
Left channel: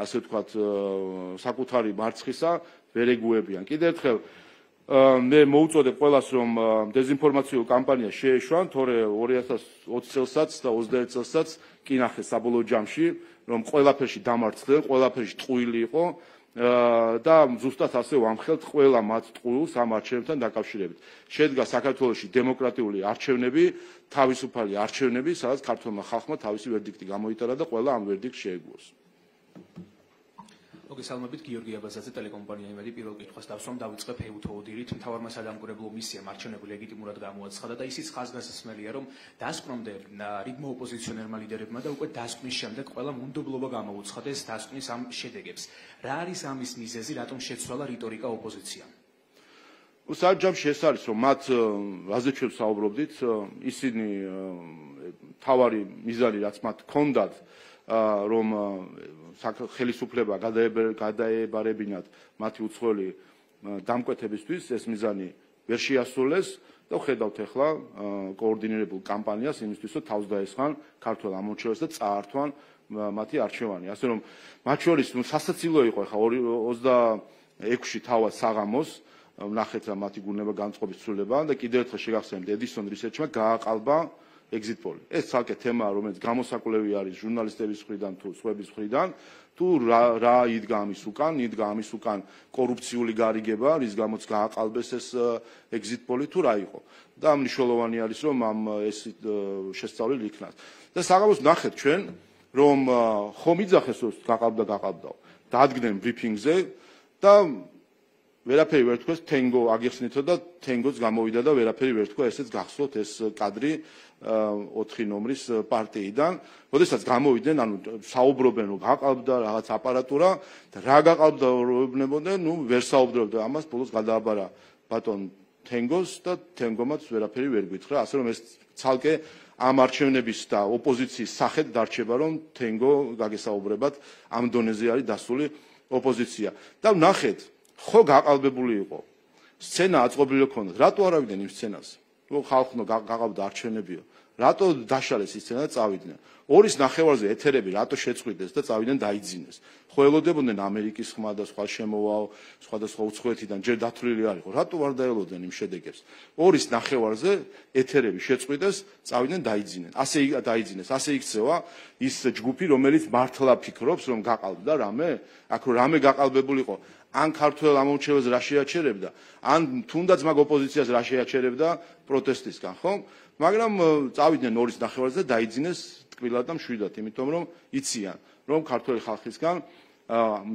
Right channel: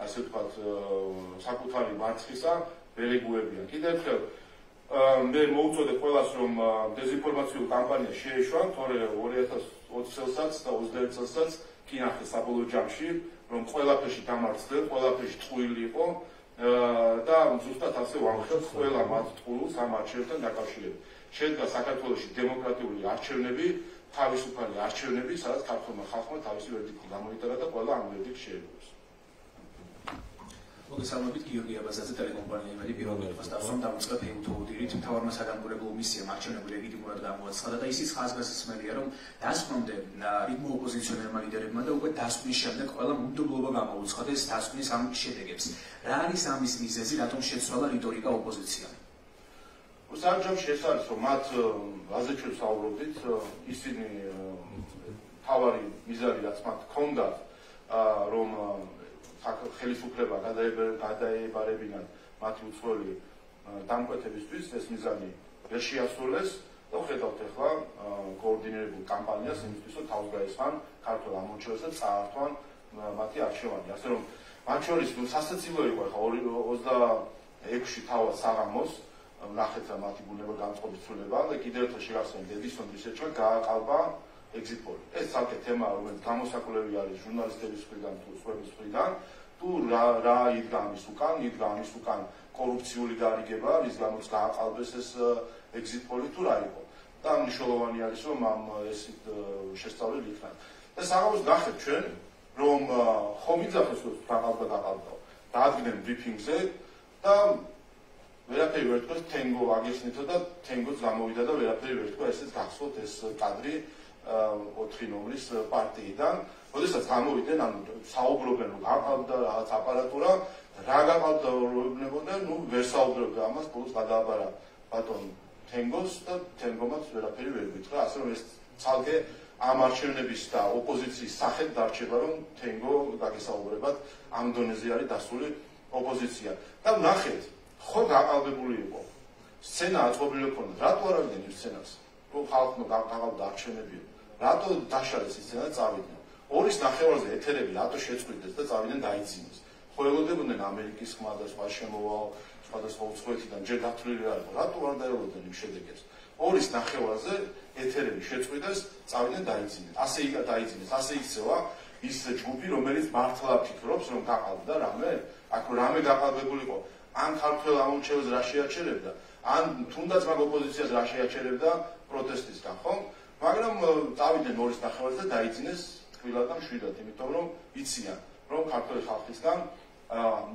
ასე ვთქვათ საკუთარი მარცხისა ვერ ეგუებიან. კიდევ ერთხელ მე მოუწოდებ ყველას რომ დეзинფორმაციულ კამპანიას შეეშვან, თორე 2020 წელსაც და 21 წელსაც კი ნახეს საბოლოო ჯამში რომ ყველაფერში დამარცხდა, ყველაფერში ტყუილი იყო და ზუსტად ასე ვამხელთ ყველა მათ ტყუილს ამ არჩევნებთან დაკავშირებით. შედგა საქართველოში დემოკრატიული არჩევნები, თავისუფალი არჩევნები, სადაც ქართულმა ხალხმა თავისი ვერდიქტი გამოიტარა და ყველა ამ ვერდიქტს შეეგუოს. მოგესალმებით გიორგი აბაზაძე, ტელეკომპანიები პირველ კითხვას დავსვამ დავიწყებ ჰეუთოუდირით. მთავარმა საგანგურებლო მისიამ არჩევნები ლეგიტიმურად გამოაცხადა და ისიც ხაზგასმელია, რომ დასკვნამდე რიგმა ოპოზიციონერმა ლიდერებმა და უკვე დასკვნის შემდეგ ყველა მუდმივობა გამოუცხადეს დასკვნის ამ შედეგებს. რა არის ამის მიზეზი, რატომ შეცვალა რიტორიკა ოპოზიციამ? საჯამში ეს არის, რომ მათ რაზე ჩვენ საუბრობდით, ისინი თავარი მიზანი რაც მათ ჰქონდათ, რომ ხელისუფლება გადაებარებინათ მათი უცხოელი დამკვეთებისთვის, ეს მიზანი ვერ შეასრულეს და ხედავთ ახლა კოორდინირებულ კამპანიას იმისთვის, რომ თავს დაესხან ქართულ ამორჩევლებს და წაართვან მათი არჩევანი. ასე რომ მათ შორის სასაცილო იყო ახლა 26-ში თავად საღამოს ნახეთ რა მათი გუნება განწყობის ცვლილება და კიდევ ერთხელ შეგახსენებთ ედისონ რისერჩმა გააყალბა exit poll. ეს ცალკე თემაა, რომელიც გამოსაკვლევი არის ჟურნალისტების მხრიდან თუ სხვების მხრიდან, თუ რა იდგა ამის უკან, იდგა ამის უკან კორუფციული გარიგება, რის გამოც გააყალბეს ეს exit poll თუ რა იყო. და მნიშვნელოვანი არის, რომ ამ ეს შესწავლილი იქნას. და საღამოს ნახეთ ჩვენ, რომ ხომ იძახეს რომ გაყალბდაო. დადგნენ ბრიფინგზე და ვერაფერი ვერ თქვეს, თენგო აგიხსნითო და თენგოც გამოვიდა და ვერაფერი ვერ თქვა, ესეც გახსოვთ ეს კადრი 4 ნომრის პარტიიდან, როდესაც გამოვიდნენ, ანუ საუბრობენ რომ გაყალბდა რაღაც აპარატურა და რა გაყალბდებოდნენ, ვერ საუბრობდა ამას, ბოლოს გადააბარა ბატონ თენგოს და თენგომაც ვერაფერი ვერ გითხრა, ასე რომ ეს ცალკე ამ არჩევნების და ოპოზიციის სახედ დარჩება, რომ თენგო გაგესაუბრებათ ამ დონეზე არის დასული ოპოზიცია. და ნახეთ, ხო გაყალბებული იყო. სცენა აწყობილი ჰქონდა. რატო არ ავიდნენ იმ სცენას? რომ ხალხო გაყალბდა არჩევნებია. რატო დაშალეს ის სცენა და წავიდნენ? 2-ის ნახევარზე ეთერები რატო შეწყვიტეს და წავიდნენ დაიძინეს? ხო ელოდებოდნენ ამერიკის ხმა და სხვა შემოვალ, სხვადასხვა უცხოეთიდან ჯერ დათვლილი არ იყო. რატო არ დაელოდნენ იმ შედეგებს? 2-ის ნახევარზე ეთერები შეწყვიტეს, წავიდნენ დაიძინეს. ასე დაიძინეს, ასე იქცევა ის ჯგუფი, რომელიც მართლა ფიქრობს, რომ გაყალბდა რამე, აქ რამე გაყალბებული იყო. ან ქართველ ამორჩევლებს რა შეაჩერებდა, ან თუნდაც მაგ ოპოზიციას რა შეაჩერებდა პროტესტისგან, ხო? მაგრამ წავიდნენ 2-ის ნახევარზე და დაიძინეს ტკბილად და მშვიდად, იმიტომ რომ იციან, რომ ქართველი ხალხისგან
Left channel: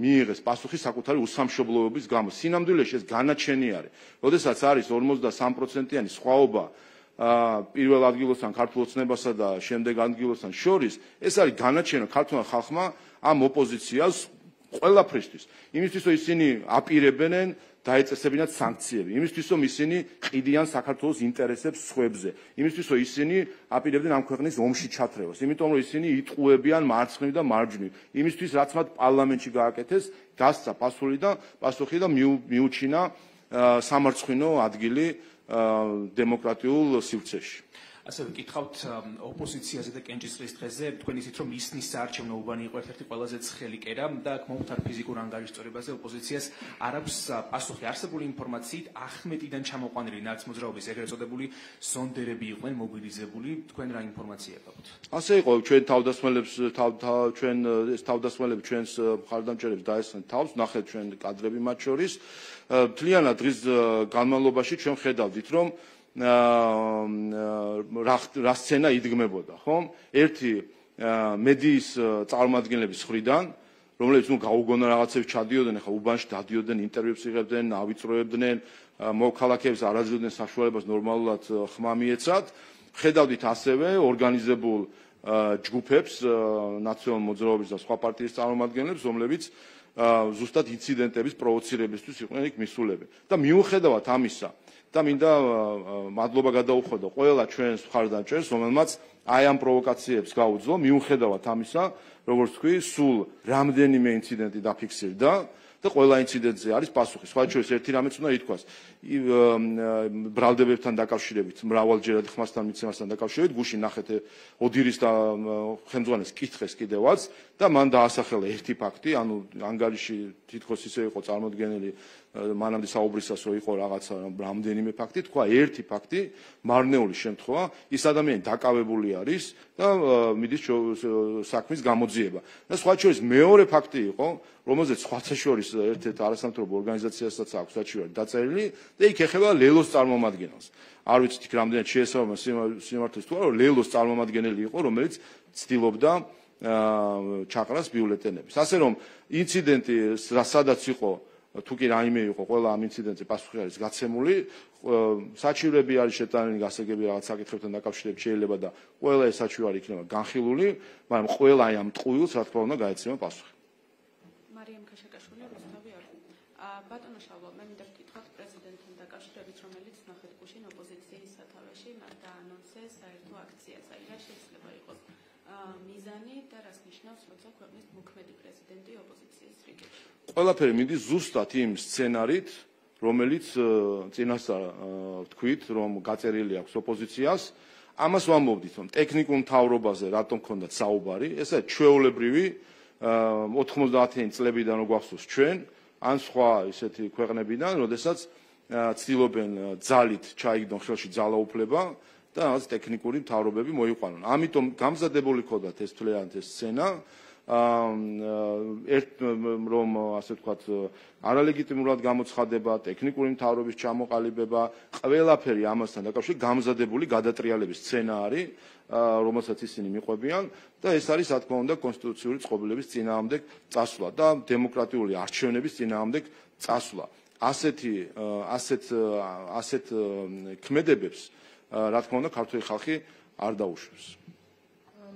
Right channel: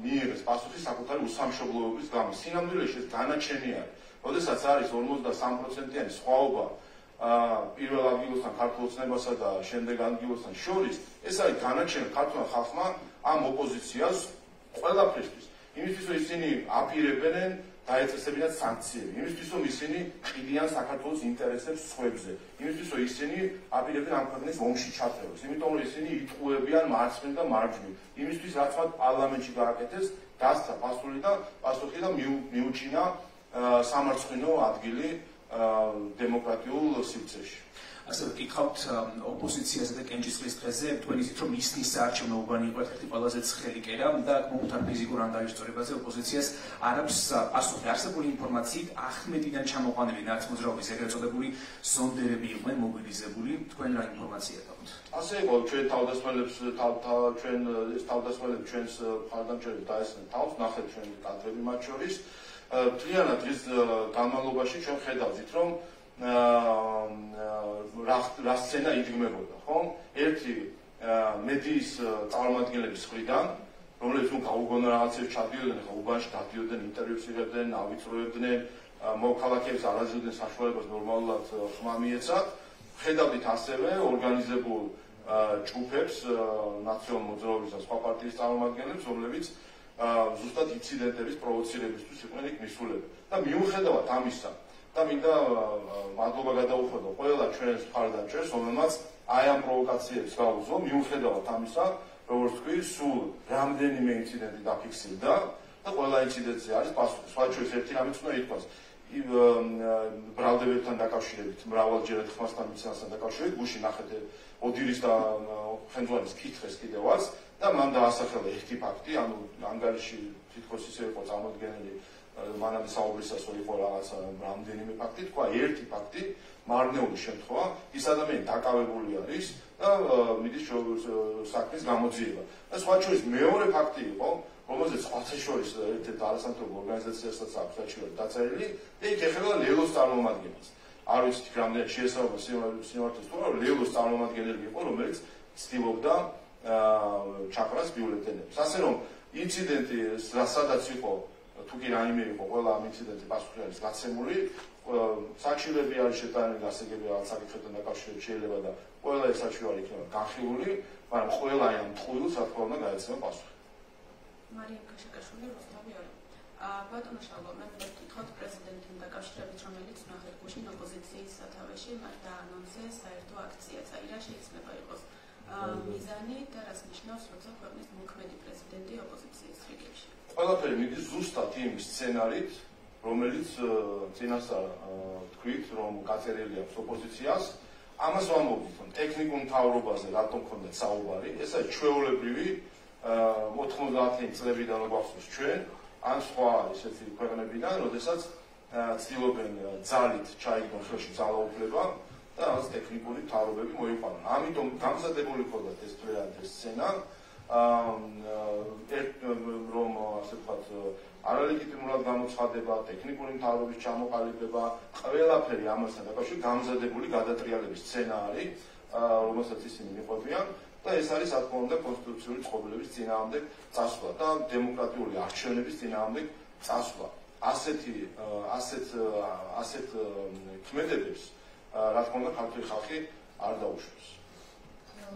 მიიღეს პასუხი საკუთარი უსამშობლოების გამო. სინამდვილეში ეს განაჩენი არის. როდესაც არის 53%-იანი სხვაობა პირველ ადგილოსთან ქართულ ოცნებასა და შემდეგ ადგილოსთან შორის, ეს არის განაჩენი ქართულ ხალხმა ამ ოპოზიციას ყველაფრისთვის. იმისთვის რომ ისინი აპირებენ დაეწესებინათ სანქციები, იმისთვის რომ ისინი ყიდიან საქართველოს ინტერესებს სხვებზე, იმისთვის რომ ისინი აპირებდნენ ამ ქვეყნის ომში ჩათრევას, იმიტომ რომ ისინი იტყუებიან მარცხნივ და მარჯვნივ, იმისთვის რაც მათ პარლამენტში გააკეთეს, გასცა პასუხი და მიუჩინა სამარცხინო ადგილი დემოკრატიულ სივრცეში. ასევე გითხავთ ოპოზიციაზე და კენჭისყრის დღეზე, თქვენ იცით რომ ისნის საარჩევნო უბანი იყო ერთ-ერთი ყველაზე ცხელი კერა და მომთან ფიზიკურ ანგარიშწორებაზე ოპოზიციას არ აქვს პასუხი. არსებული ინფორმაციით ახმეტიდან ჩამოყვანილი ნაცმოძრაობის ეგრეთ წოდებული ზონდერები იყვნენ მობილიზებული, თქვენ რა ინფორმაცია გაქვთ? ასე იყო, ჩვენ თავდასხმელები ჩვენს მხარდამჭერებს დაესწრნენ თავს, ნახეთ ჩვენ კადრები მათ შორის. მთლიანად დღის განმავლობაში ჩვენ ხედავდით, რომ რა სცენა იდგმებოდა, ხო? ერთი მედიის წარმომადგენლების მხრიდან, რომლებიც გაუგონა რაღაცებს ჩადიოდნენ, ხა უბანში დადიოდნენ, ინტერვიუებს იღებდნენ, ავიწროებდნენ, მოქალაქეების არაძილდენ საშუალებას ნორმალურად ხმა მიეცათ. ხედავდით ასევე ორგანიზებულ ჯგუფებს, ნაციონალურ მოძრაობის და სხვა პარტიის წარმომადგენლებს, რომლებიც ზუსტად ინციდენტების პროვოცირებისთვის იყვნენ იქ მისულები. და მიუხედავად ამისა, და მინდა მადლობა გადაუხადო ყველა ჩვენს მხარდამჭერს, რომელმაც აი ამ პროვოკაციებს გაუძლო, მიუხედავად ამისა, როგორც თქვი, სულ რამდენიმე ინციდენტი დაფიქსირდა და ყველა ინციდენტზე არის პასუხი. სხვა შორის ერთი რამეც უნდა ითქვას. ბრალდებებთან დაკავშირებით, მრავალჯერად ხმასთან მიცემასთან დაკავშირებით, გუშინ ნახეთ ოდირის და ხელმძღვანელის კითხეს კიდევაც და მან დაასახელა ერთი ფაქტი, ანუ ანგარიში თითქოს ისე იყო წარმოდგენილი, მანამდე საუბრისას იყო რაღაცა რამდენიმე ფაქტი, თქვა ერთი ფაქტი, მარნეული შემთხვევა, ის ადამიანი დაკავებული არის და მიდის საქმის გამოძიება. და სხვა შორის მეორე ფაქტი იყო, რომელზეც სხვათა შორის ერთ-ერთ არასამთავრობო ორგანიზაციასაც აქვს საჩივარი დაწერილი და იქ ეხება ლელოს წარმომადგენელს. არ ვიცით იქ რამდენად შეესაბამება სიმართლეს თუ არა, ლელოს წარმომადგენელი იყო, რომელიც ცდილობდა ჩაყრას ბიულეტენებს. ასე რომ ინციდენტი სადაც იყო, თუ კი რაიმე იყო, ყველა ამ ინციდენტზე პასუხი არის გაცემული, საჩივრები არის შეტანილი გასაგები რაღაც საკითხებთან დაკავშირებით შეიძლება და ყველა ეს საჩივარი იქნება განხილული, მაგრამ ყველა აი ამ ტყუილს რა თქმა უნდა გაეცემა პასუხი. ბატონო შალვა, მე ვკითხავთ პრეზიდენტთან დაკავშირებით, რომელიც ნახეთ გუშინ ოპოზიციის სათავეში მას დაანონსა საერთო აქცია. რა შეიძლება იყოს მიზანი და რას ნიშნავს, როცა ქვეყნის მოქმედი პრეზიდენტი ოპოზიციის რიგებში? ყველაფერი მიდის ზუსტად იმ სცენარით, რომელიც წინასწარ თქვით, რომ გაწერილი აქვს ოპოზიციას. ამას ვამბობდით, რომ ტექნიკურ მთავრობაზე რატომ ქონდათ საუბარი, ესაა ჩვეულებრივი 90-იანი წლებიდან რო გვახსოვს ჩვენ ან სხვა ისეთი ქვეყნებიდან, როდესაც ცდილობენ ძალით ჩაიგდონ ხელში ძალაუფლება და რაღაც ტექნიკური მთავრობები მოიყვანონ. ამიტომ გამზადებული ჰქონდათ ეს თვლიანად ეს სცენა, რომ ასე ვთქვათ, არალეგიტიმურად გამოცხადება, ტექნიკური მთავრობის ჩამოყალიბება, ყველაფერი ამასთან დაკავშირებით გამზადებული გადატრიალების სცენა არის, რომელსაც ისინი მიყვებიან. და ეს არის რა თქმა უნდა კონსტიტუციური წყობილების წინააღმდეგ წასვლა და დემოკრატიული არჩევნების წინააღმდეგ წასვლა. ასეთ ქმედებებს რა თქმა უნდა ქართული ხალხი არ დაუშვებს.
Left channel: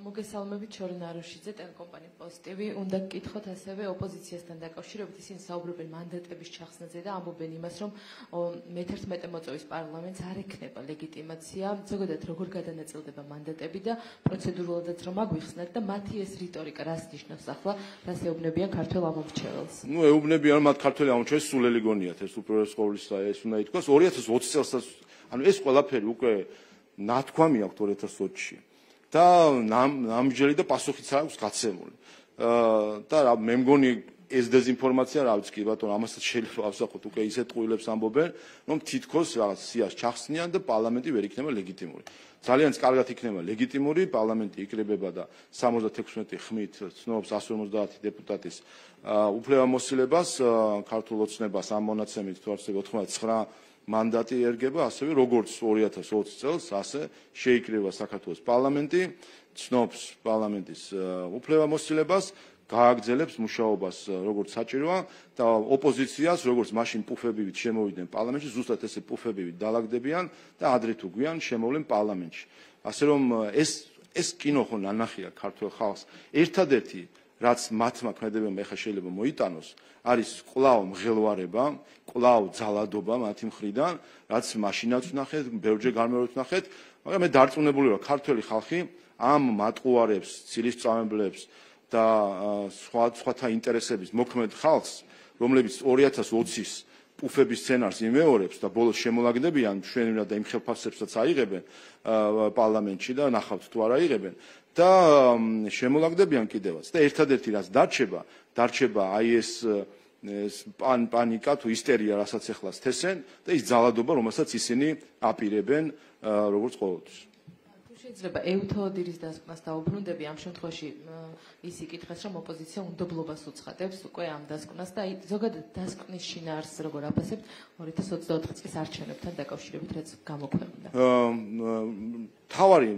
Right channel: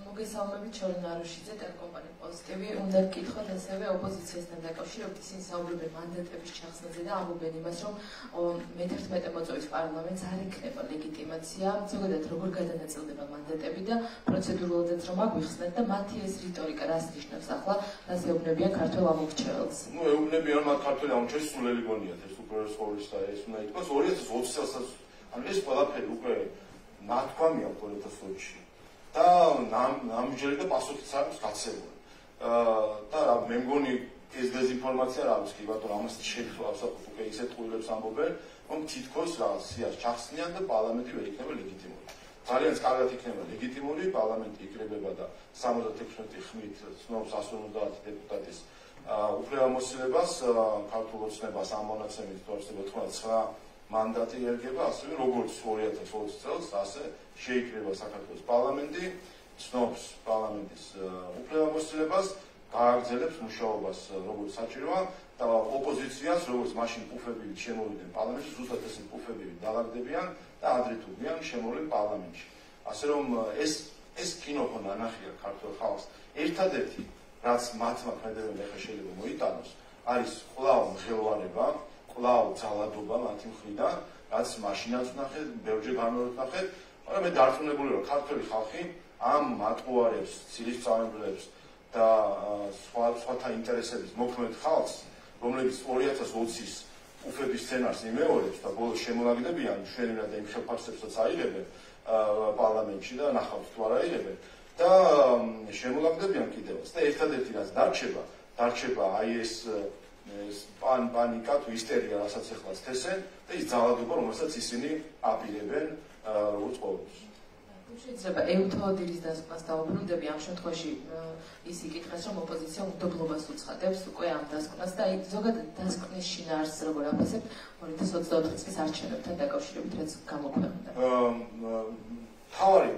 მოგესალმებით შორენ აროშიძე ტელეკომპანია პოზიტივი. უნდა გკითხოთ ასევე ოპოზიციასთან დაკავშირებით, ისინი საუბრობენ მანდატების ჩახსნაზე და ამბობენ იმას, რომ მე-11 მოწვევის პარლამენტს არ იქნება ლეგიტიმაცია, ზოგადად როგორ გადანაწილდება მანდატები და პროცედურულად რომ აგვიხსნათ და მათი ეს რიტორიკა რას ნიშნავს ახლა, რას ეუბნებიან ქართველ ამომრჩეველს? ეუბნებიან რომ მათ ქართველი ამომრჩეველი სულელი გონიათ, ეს უპირველეს ყოვლისა და ეს უნდა ითქვას 2020 წელსაც, ანუ ეს ყველაფერი უკვე ნათქვამი აქვს 2020-ში. და ნამჯერი და პასუხიც არის გაცემული. და მე მგონი ეს დეზინფორმაცია რა ვიცი, ბატონო, ამასაც შეიძლება ავსახოთ უკვე ისეთ ტყუილებს ამბობენ, რომ თითქოს რაღაც სიას ჩახსნიან და პარლამენტი ვერ იქნება ლეგიტიმური. ძალიან კარგად იქნება ლეგიტიმური, პარლამენტი იკრიბება და 76 ხმით ცნობს 150 დეპუტატის უფლებამოსილებას, ქართულ ოცნებას ამ მონაცემით 99 მანდატი ერგება, ასევე როგორც 2020 წელს, ასე შეიკრიბება საქართველოს პარლამენტი, ცნობს პარლამენტის უფლებამოსილებას, გააგრძელებს მუშაობას როგორც საჭიროა და ოპოზიციას, როგორც მაშინ პუფებივით შემოვიდნენ პარლამენტში, ზუსტად ესე პუფებივით დაალაგდებიან და ადრე თუ გვიან შემოვლენ პარლამენტში. ასე რომ ეს კინო ხო ნანახია ქართულ ხალხს. ერთადერთი, რაც მათმა ქმედებებმა ახლა შეიძლება მოიტანოს, არის კვლავ მღელვარება, კვლავ ძალადობა მათი მხრიდან, რაც მაშინაც ვნახეთ, ბევრჯერ გამეროთ ვნახეთ, მაგრამ მე დარწმუნებული ვარ, ქართველი ხალხი ამ მატყუარებს, ცილისწამებლებს და სხვათა ინტერესების მოქმედ ხალხს, რომლებიც 2020-ის უფების სცენარს იმეორებს და ბოლოს შემოლაგდებიან ჩვენებად და იმ ხელფასებსაც აიღებენ პარლამენტში და ნახავთ თუ არ აიღებენ და შემოლაგდებიან კიდევაც და ერთადერთი რაც დარჩება აი ეს პანიკა თუ ისტერია, რასაც ეხლა სთესენ და ის ძალადობა, რომელსაც ისინი აპირებენ როგორც ყოველთვის. შეიძლება ევთოდილის დასკვნას დაუბრუნდები ამ შემთხვევაში ის იკითხეს, რომ ოპოზიცია უნდობლობას უცხადებს უკვე ამ დასკვნას და ზოგადად დასკვნის შინაარსს როგორ აფასებთ 2024 წლის არჩევნებთან დაკავშირებით, რაც გამოქვეყნდა. თავარი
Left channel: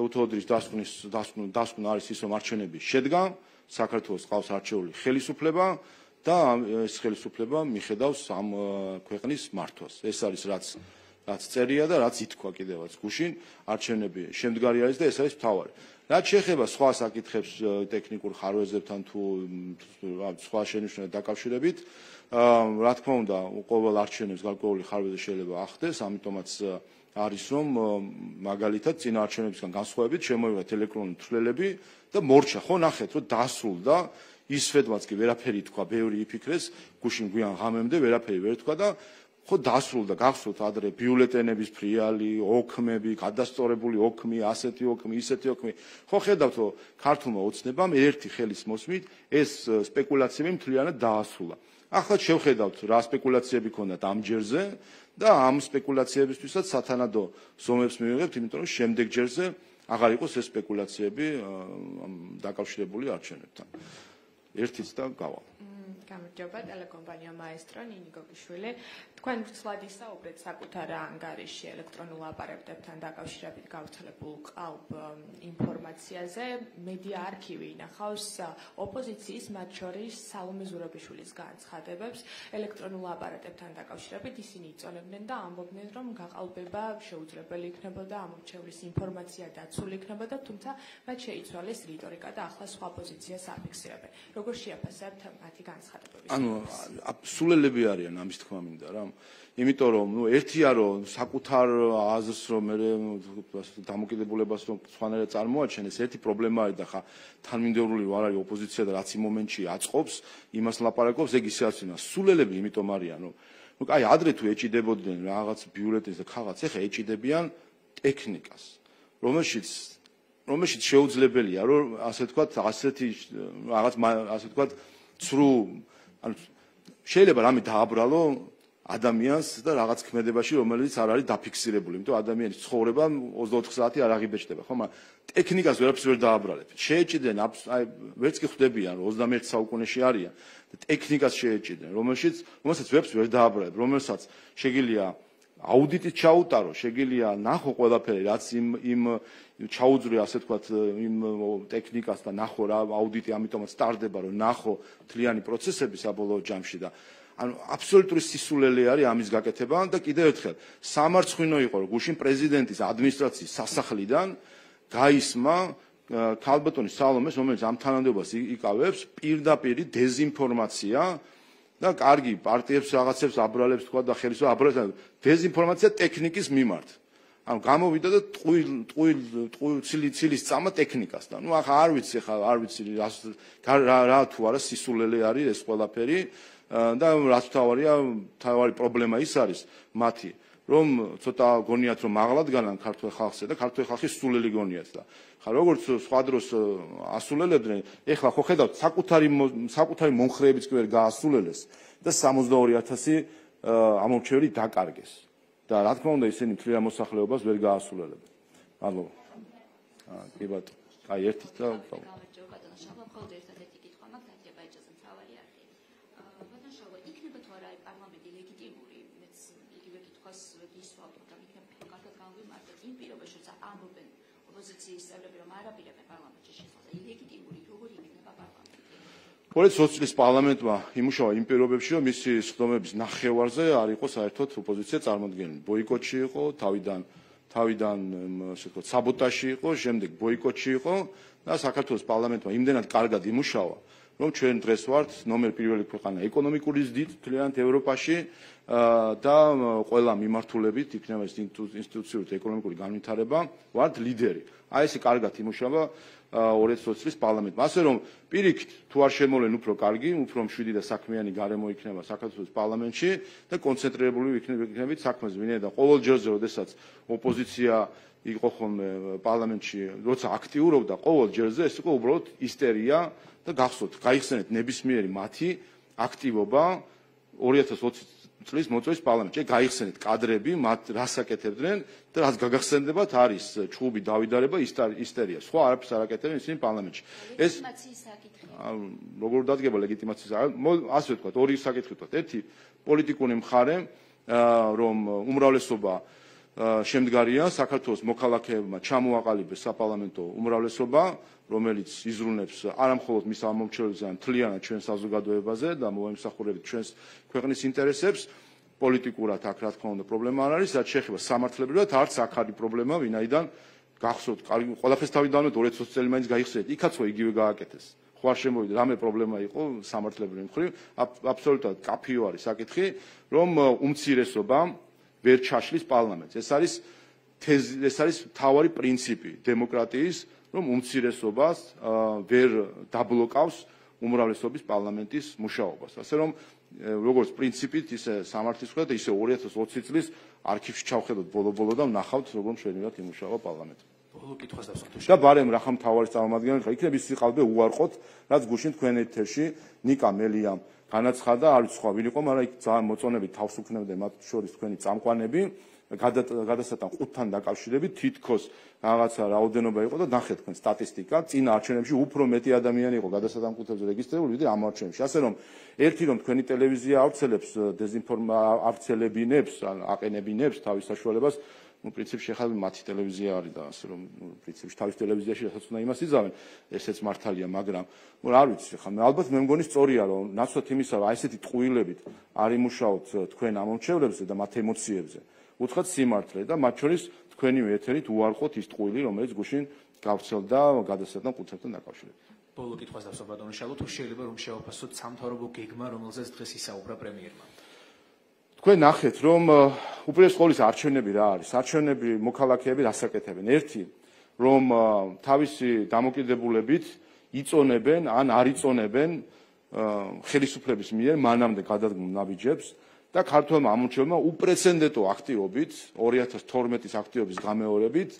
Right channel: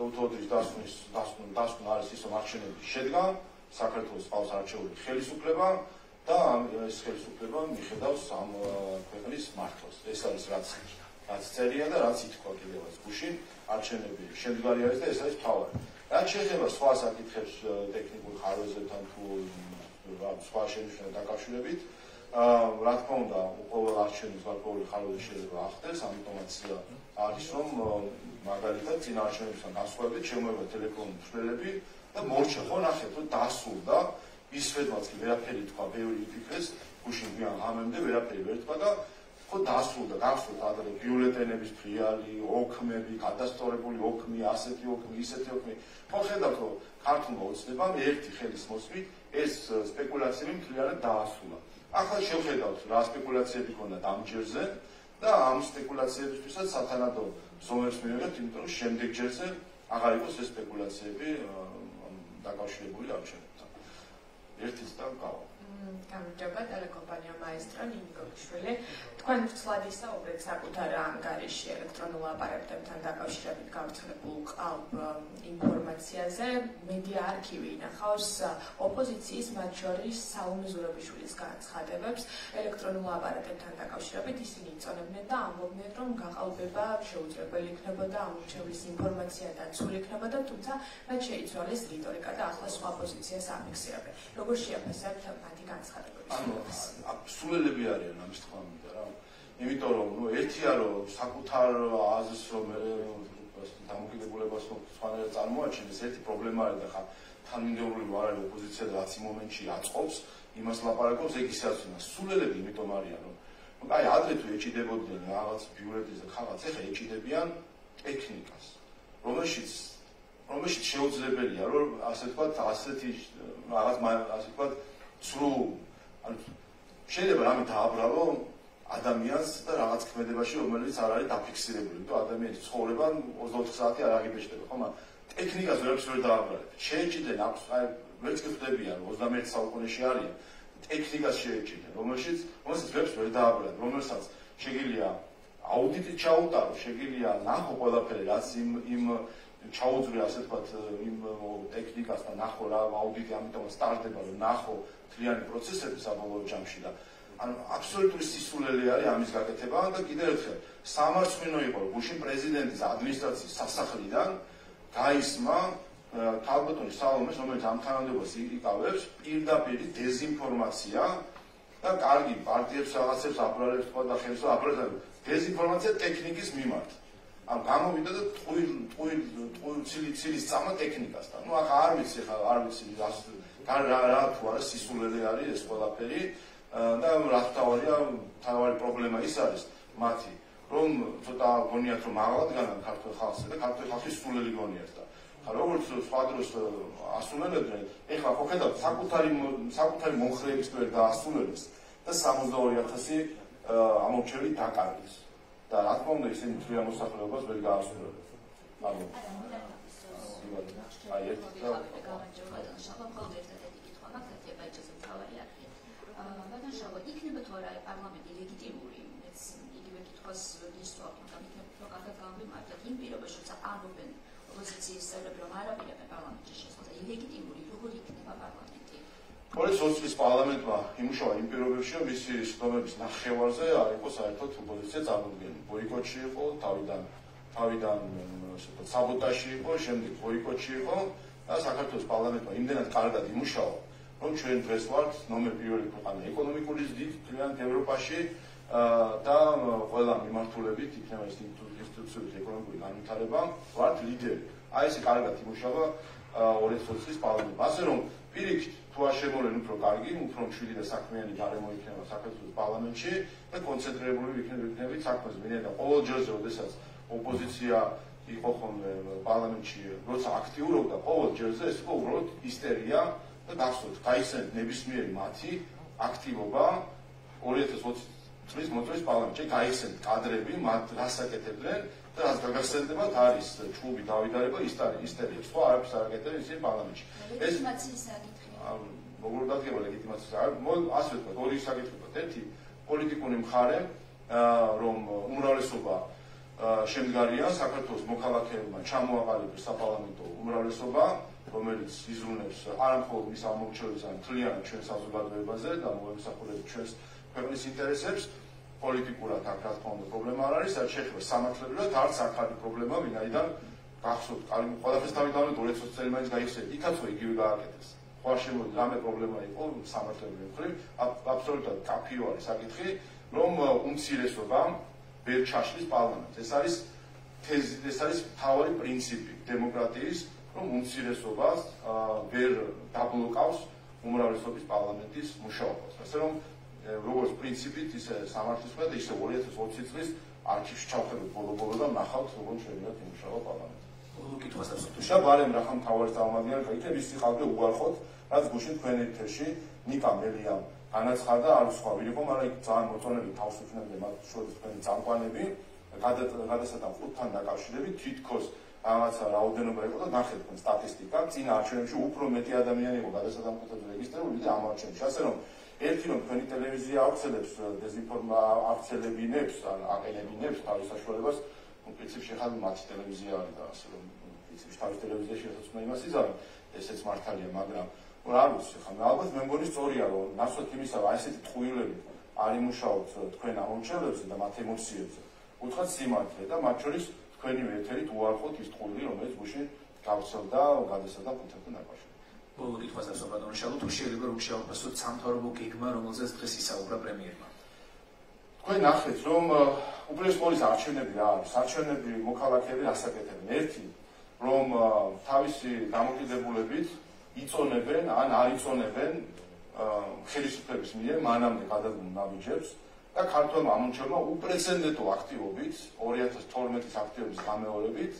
ევთოდილის დასკვნა არის ის, რომ არჩევნები შედგა, საქართველოს ყავს არჩეული ხელისუფლება და ეს ხელისუფლება მიხედავს ამ ქვეყნის მართვას. ეს არის რაც წერია და რაც ითქვა კიდევაც გუშინ არჩევნები შემდგარი არის და ეს არის მთავარი. რაც შეეხება სხვა საკითხებს ტექნიკურ ხარვეზებთან თუ სხვა შენიშვნებთან დაკავშირებით, რა თქმა უნდა, ყოველ არჩევნებს გარკვეული ხარვეზი შეიძლება ახდეს, ამიტომაც არის რომ მაგალითად წინა არჩევნებისგან განსხვავებით შემოიღეთ ელექტრონული თვლელები და მორჩა, ხო ნახეთ რომ დასრულდა ის სვეტვაც კი ვერაფერი თქვა, ბევრი იფიქრეს, გუშინ გვიან ღამემდე ვერაფერი ვერ თქვა და ხო დასრულდა, გახსოვთ ადრე ბიულეტენების ფრიალი, ოქმები, გადასწორებული ოქმი, ასეთი ოქმი, ისეთი ოქმი. ხო ხედავთ რომ ქართულმა ოცნებამ ერთი ხელის მოსმით ეს სპეკულაციები მთლიანად დაასრულა. ახლა შევხედავთ რა სპეკულაციები ქონდათ ამ ჯერზე და ამ სპეკულაციებისთვისაც სათანადო ზომებს მივიღებთ, იმიტომ რომ შემდეგ ჯერზე აღარ იყოს ეს სპეკულაციები დაკავშირებული არჩევნებთან. ერთიც და გავა. გამარჯობა, ტელეკომპანია მაესტრო ნინიკოიშვილი. თქვენ ვცლად ისაუბრეთ საკუთარ ანგარიში ელექტრონულ აპარატებთან დაკავშირებით გავრცელებულ ყალბ ინფორმაციაზე. მედია არქივი ინახავს ოპოზიციის, მათ შორის სალომე ზურაბიშვილის განცხადებებს ელექტრონულ აპარატებთან დაკავშირებით. ისინი იწონებდნენ და ამბობდნენ, რომ გაყალბება შეუძლებელი იქნებოდა, ამორჩევის ინფორმაცია დაცული იქნებოდა, თუმცა მათ შეიცვალეს რიტორიკა და ახლა სხვა პოზიციას ამიხსენებენ. როგორ შეაფასებთ მათი განცხადებები? სულელები არიან ამის თქმა მინდა რა. იმიტომ რომ ერთია რომ საკუთარ აზრს რომ მე დამოკიდებულებას რომ სხვანაირად წარმოაჩენეს, ერთი პრობლემა არის და ხა თანმიმდევრული არ არის ოპოზიცია და რაც იმ მომენტში აწყობს, იმას ლაპარაკობს, ეგ ისე არის. სულელები იმიტომ არიან რომ აი ადრე თუ ეჭიდებოდნენ რაღაც ბიულეტენს და ხაღაც, ეხა ეჭიდებიან ტექნიკას, რომელშიც შეუძლებელია რომ ასე ვთქვათ, ასეთი რაღაც ასე ვთქვათ, ცრუ შეიძლება რამე დააბრალო ადამიანს და რაღაც ქმედებაში, რომელიც არ არის დაფიქსირებული, იმიტომ ადამიანის ცხოვრება 24 საათი არ აღიბეჭდება, ხო, მაგრამ ტექნიკას ვერაფერს ვერ დააბრალებ. შეეჭიდნენ, აი ვერც კი ხვდებიან, 21 საუკუნეში არიან და ტექნიკას შეეჭიდნენ, რომელსაც ვერც ვერ დააბრალებ, რომელსაც შეგიძლია აუდიტით ჩაუტარო, შეგიძლია ნახო ყველაფერი, რაც იმ ჩაუძრე ასე ვთქვათ, იმ ტექნიკას და ნახო რა აუდიტი, ამიტომაც სტარდება, რომ ნახო მთლიანი პროცესები საბოლოო ჯამში და ანუ აბსოლუტური სისულელე არის ამის გაკეთება და კიდევ ერთხელ სამარცხვინო იყო რომ გუშინ პრეზიდენტის ადმინისტრაციის სასახლიდან გაისმა ქალბატონი სალომეს, რომელიც ამ თანამდებობას იკავებს, პირდაპირ დეზინფორმაცია და კარგი პარტიებს რაღაცებს აბრალებს თქვა და ხელისუფლება აბრალებს დეზინფორმაცია ტექნიკის მიმართ. ანუ გამოვიდა და ცილის წამა ტექნიკასთან. ნუ ახლა არ ვიცი რა თუ არა სისულელე არის ეს ყველაფერი და რაც თავარი პრობლემა ის არის მათი, რომ ცოტა გონიათ რომ მაღლად განან ქართულ ხალხს და ქართული ხალხი სულელი გონიათ და ხა როგორც სხვა დროს ასულელებდნენ, ეხლა ხო ხედავთ საკუთარი მომხრეებიც კი ვერ გაასულელეს და 62,000 ამორჩეველი დაკარგეს. და რა თქმა უნდა ისინი თლიან მოსახლეობას ვერ გაასულელებთ. ანუ კი ბატონო, აი ერთი და პოლიციის წლის პარლამენტმა იმუშავა იმ პირობებში, რომ მისი სხდომების ნახევარზე არ იყო საერთოდ ოპოზიცია წარმოდგენილი. ბოიკოტში იყო, თავიდან ასე ვთქვათ, საბოტაჟი იყო, შემდეგ ბოიკოტში იყო და საქართველოს პარლამენტმა იმდენად კარგად იმუშავა, რომ ჩვენ დღეს ვართ ნომერ პირველი ქვეყანა ეკონომიკური ზრდით მთლიანად ევროპაში და ყველა მიმართულებით იქნება ეს ინსტიტუციური ეკონომიკური განვითარება, ვართ ლიდერი. აი ესე კარგად იმუშავა 2020 წლის პარლამენტმა. ასე რომ პირიქით თუ არ შემოვლენ უფრო კარგი, უფრო მშვიდი და საქმიანი გარემო იქნება საქართველოს პარლამენტში და კონცენტრირებული იქნებით საქმეზე. ვინაიდან და ყოველ ჯერზე, როდესაც ოპოზიცია იყო ხოლმე პარლამენტში, როცა აქტიურობდა, ყოველ ჯერზე ეს იყო უბრალოდ ისტერია და გახსოვთ, გაიხსენეთ ნებისმიერი მათი აქტივობა 2020 წლის მოწვევის პარლამენტში. გაიხსენეთ კადრები, მათ რას აკეთებდნენ და რაც გაგახსენდებათ არის ჩხუბი დავიდარება, ისტერია. სხვა არაფერს არ აკეთებენ ისინი პარლამენტში. ეს როგორ დადგება ლეგიტიმაციის? ასე ვთქვათ, ორი საკითხი ვთქვათ. ერთი პოლიტიკური მხარე, რომ უმრავლესობა შემდგარია საქართველოს მოქალაქეებმა ჩამოაყალიბეს საპარლამენტო უმრავლესობა, რომელიც იზრუნებს არამხოლოდ მის ამომრჩევლებს, არამედ მთლიანად ჩვენ საზოგადოებაზე და მოემსახურებს ჩვენს ქვეყნის ინტერესებს. პოლიტიკურად აქ რა თქმა უნდა პრობლემა არ არის, რაც შეეხება სამართლებრივად არც აქ არის პრობლემა, ვინაიდან გახსოვთ, ყველაფერს თავიდანვე 2020 წელი მაინც გაიხსენეთ, იქაცო იგივე გააკეთეს. ხო არ შემოვიდა, რამე პრობლემა იყო სამართლებრივი მხრივ, აბსოლუტურად კაფიო არის საკითხი, რომ უმცირესობა ვერ ჩაშლის პარლამენტს. ეს არის მთავარი პრინციპი დემოკრატიის, რომ უმცირესობას ვერ დაბლოკავს უმრავლესობის პარლამენტის მუშაობას. ასე რომ როგორც პრინციპით, ისე სამართლის მხრიდან, ისე 2020 წლის არქივში ჩავხედოთ ბოლო-ბოლო და ვნახავთ, როგორ შეიძლება იმუშავა პარლამენტი. და ბარემ რახან მთავარი წარმომადგენელი ხარ, იქნებ ის სიყალბე უარყოთ, რაც გუშინ თქვენი ეთერში ნიკა მელიამ განაცხადა, არის სხვა ვინ იყო, მაგრამ იქ ძალიან მოწონებით თავს უქნებდა მათ შორის თქვენი წამყვანები, გადასატან 5-თან დაკავშირებით თითქოს რაღაცა რაოდენობა იყო და ნახეთ თქვენ სტატისტიკა, წინ არჩევნებში უფრო მეტი ადამიანი იყო გადასატან კუთებზე რეგისტრირებული, ვიდრე ამ არჩევნებში. ასე რომ ერთი რომ თქვენი ტელევიზია ავრცელებს ავრცელებინებს, აყენებინებს თავის საშუალებას, პრინციპში ახლა მათი ტელევიზია არის და ასე რომ პრინციპში თავის ტელევიზიაში ახაც უნდა იმას იზამენ, ესეც მართალია, მაგრამ რა ვიცი, ხა ალბათ მე მგონი სწორია რომ ნაცვლად იმისა, აი ესეთი ტყუილებით არ იმუშაოთ თქვენ ამომრჩევლებზე და მათ ემოციებზე. უთხრათ სიმართლე და მათ შორის თქვენივე ეთერით უარყოთ ის ტყუილი, რომელიც გუშინ გავრცელდა გადასატან კუთებთან დაკავშირებით. ბოლო კითხვას აქვს ბატონ შალო, თუ შეიძლება რომ შევაფასოთ სამთავრობო გეგმა, რომელზეც დღეს ისაუბრა პრემიერმა. თქვენ ნახეთ, რომ უპირველეს ყოვლისა არჩევნები რა არის? არჩევნები მოქალაქეები რასაკეთებენ? ერთი, რომ თავისი დამოკიდებულებით იწონებენ ან არ იწონებენ ხელისუფლების მიერ მანამდე გადადგმულ ნაბიჯებს და ქართველმა ამომრჩევლმა უპრეცედენტო აქტივობით 2012 აქტივობის გამეორებით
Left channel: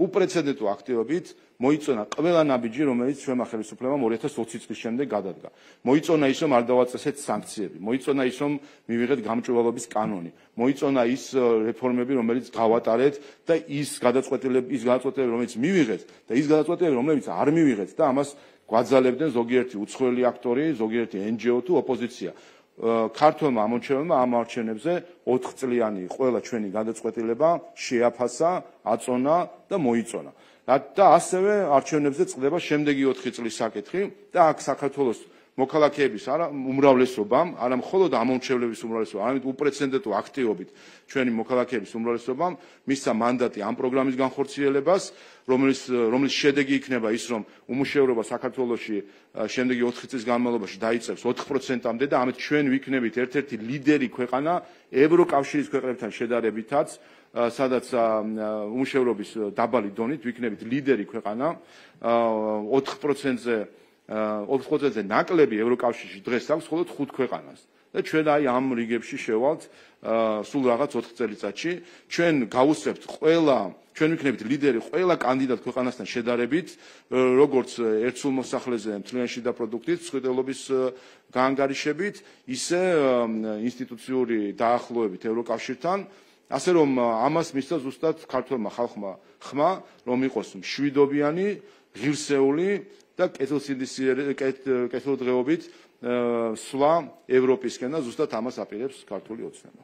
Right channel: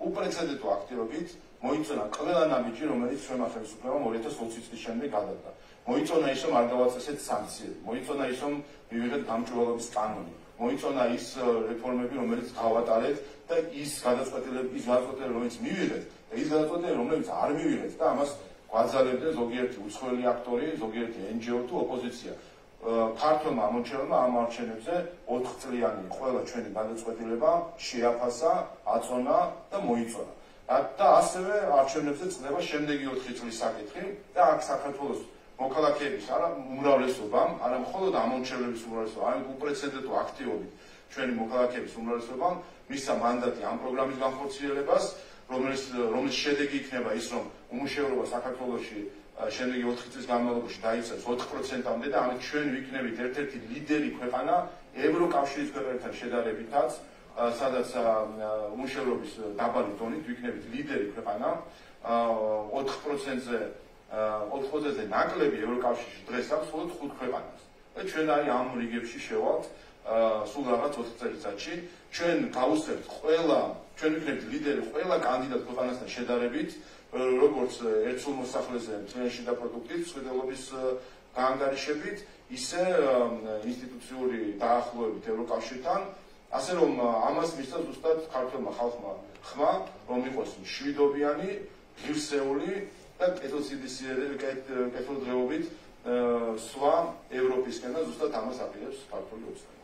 უპრეცედენტო აქტივობით მოიწონა ყველა ნაბიჯი, რომელიც ჩვენმა ხელისუფლებამ 2020 წლის შემდეგ გადადგა. მოიწონა ის, რომ არ დავაწესეთ სანქციები, მოიწონა ის, რომ მივიღეთ გამჭვირვალობის კანონი, მოიწონა ის რეფორმები, რომელიც გავატარეთ და ის გადაწყვეტილები, რომელიც მივიღეთ და ის გადაწყვეტილები, რომელიც არ მივიღეთ და ამას გვაძალებდნენ ზოგიერთი უცხოელი აქტორი, ზოგიერთი NGO თუ ოპოზიცია. ქართველმა ამომრჩევლმა ამ არჩევნებზე 4 წლიანი ყველა ჩვენი გადაწყვეტილება შეაფასა, აწონა და მოიწონა. და ასევე არჩევნებზე წყდება შემდეგი 4 წლის საკითხი და აქ საქართველოს მოქალაქეების უმრავლესობამ, არა მხოლოდ ამომრჩევლების უმრავლესობამ, არამედ უპრეცედენტო აქტივობით ჩვენი მოქალაქეების უმრავლესობამ მისცა მანდატი ამ პროგრამის განხორციელებას, რომლის შედეგი იქნება ის, რომ უმუშევრობა საქართველოში შემდეგი 4 წლის განმავლობაში დაიწევს 4%-მდე და ამით ჩვენ ვიქნებით ერთ-ერთი ლიდერი ქვეყანა ევროკავშირის ქვეყნებთან შედარებითაც, სადაც უმუშევრობის დაბალი დონით ვიქნებით ლიდერი ქვეყანა 4%-ზე ნაკლები ევროკავშირში დღეს აქვს მხოლოდ 5 ქვეყანას და ჩვენ აი ამ რიგებში შევალთ სულ რაღაც 4 წელიწადში ჩვენ გავუსწრებთ ჩვენ ვიქნებით ლიდერი ყველა კანდიდატ ქვეყანასთან შედარებით როგორც ერთსულ მოსახლეზე მთლიანში და პროდუქტით მსხვერპლობის გაანგარიშებით ისე ინსტიტუციური დაახლოებით ევროკავშირთან ასე რომ ამას მისცა ზუსტად ქართველმა ხალხმა ხმა რომ იყოს მშვიდობიანი ღირსეული და კეთილდღეობით სვლა ევროპისკენ და ზუსტად ამას აპირებს ქართული ოცნება.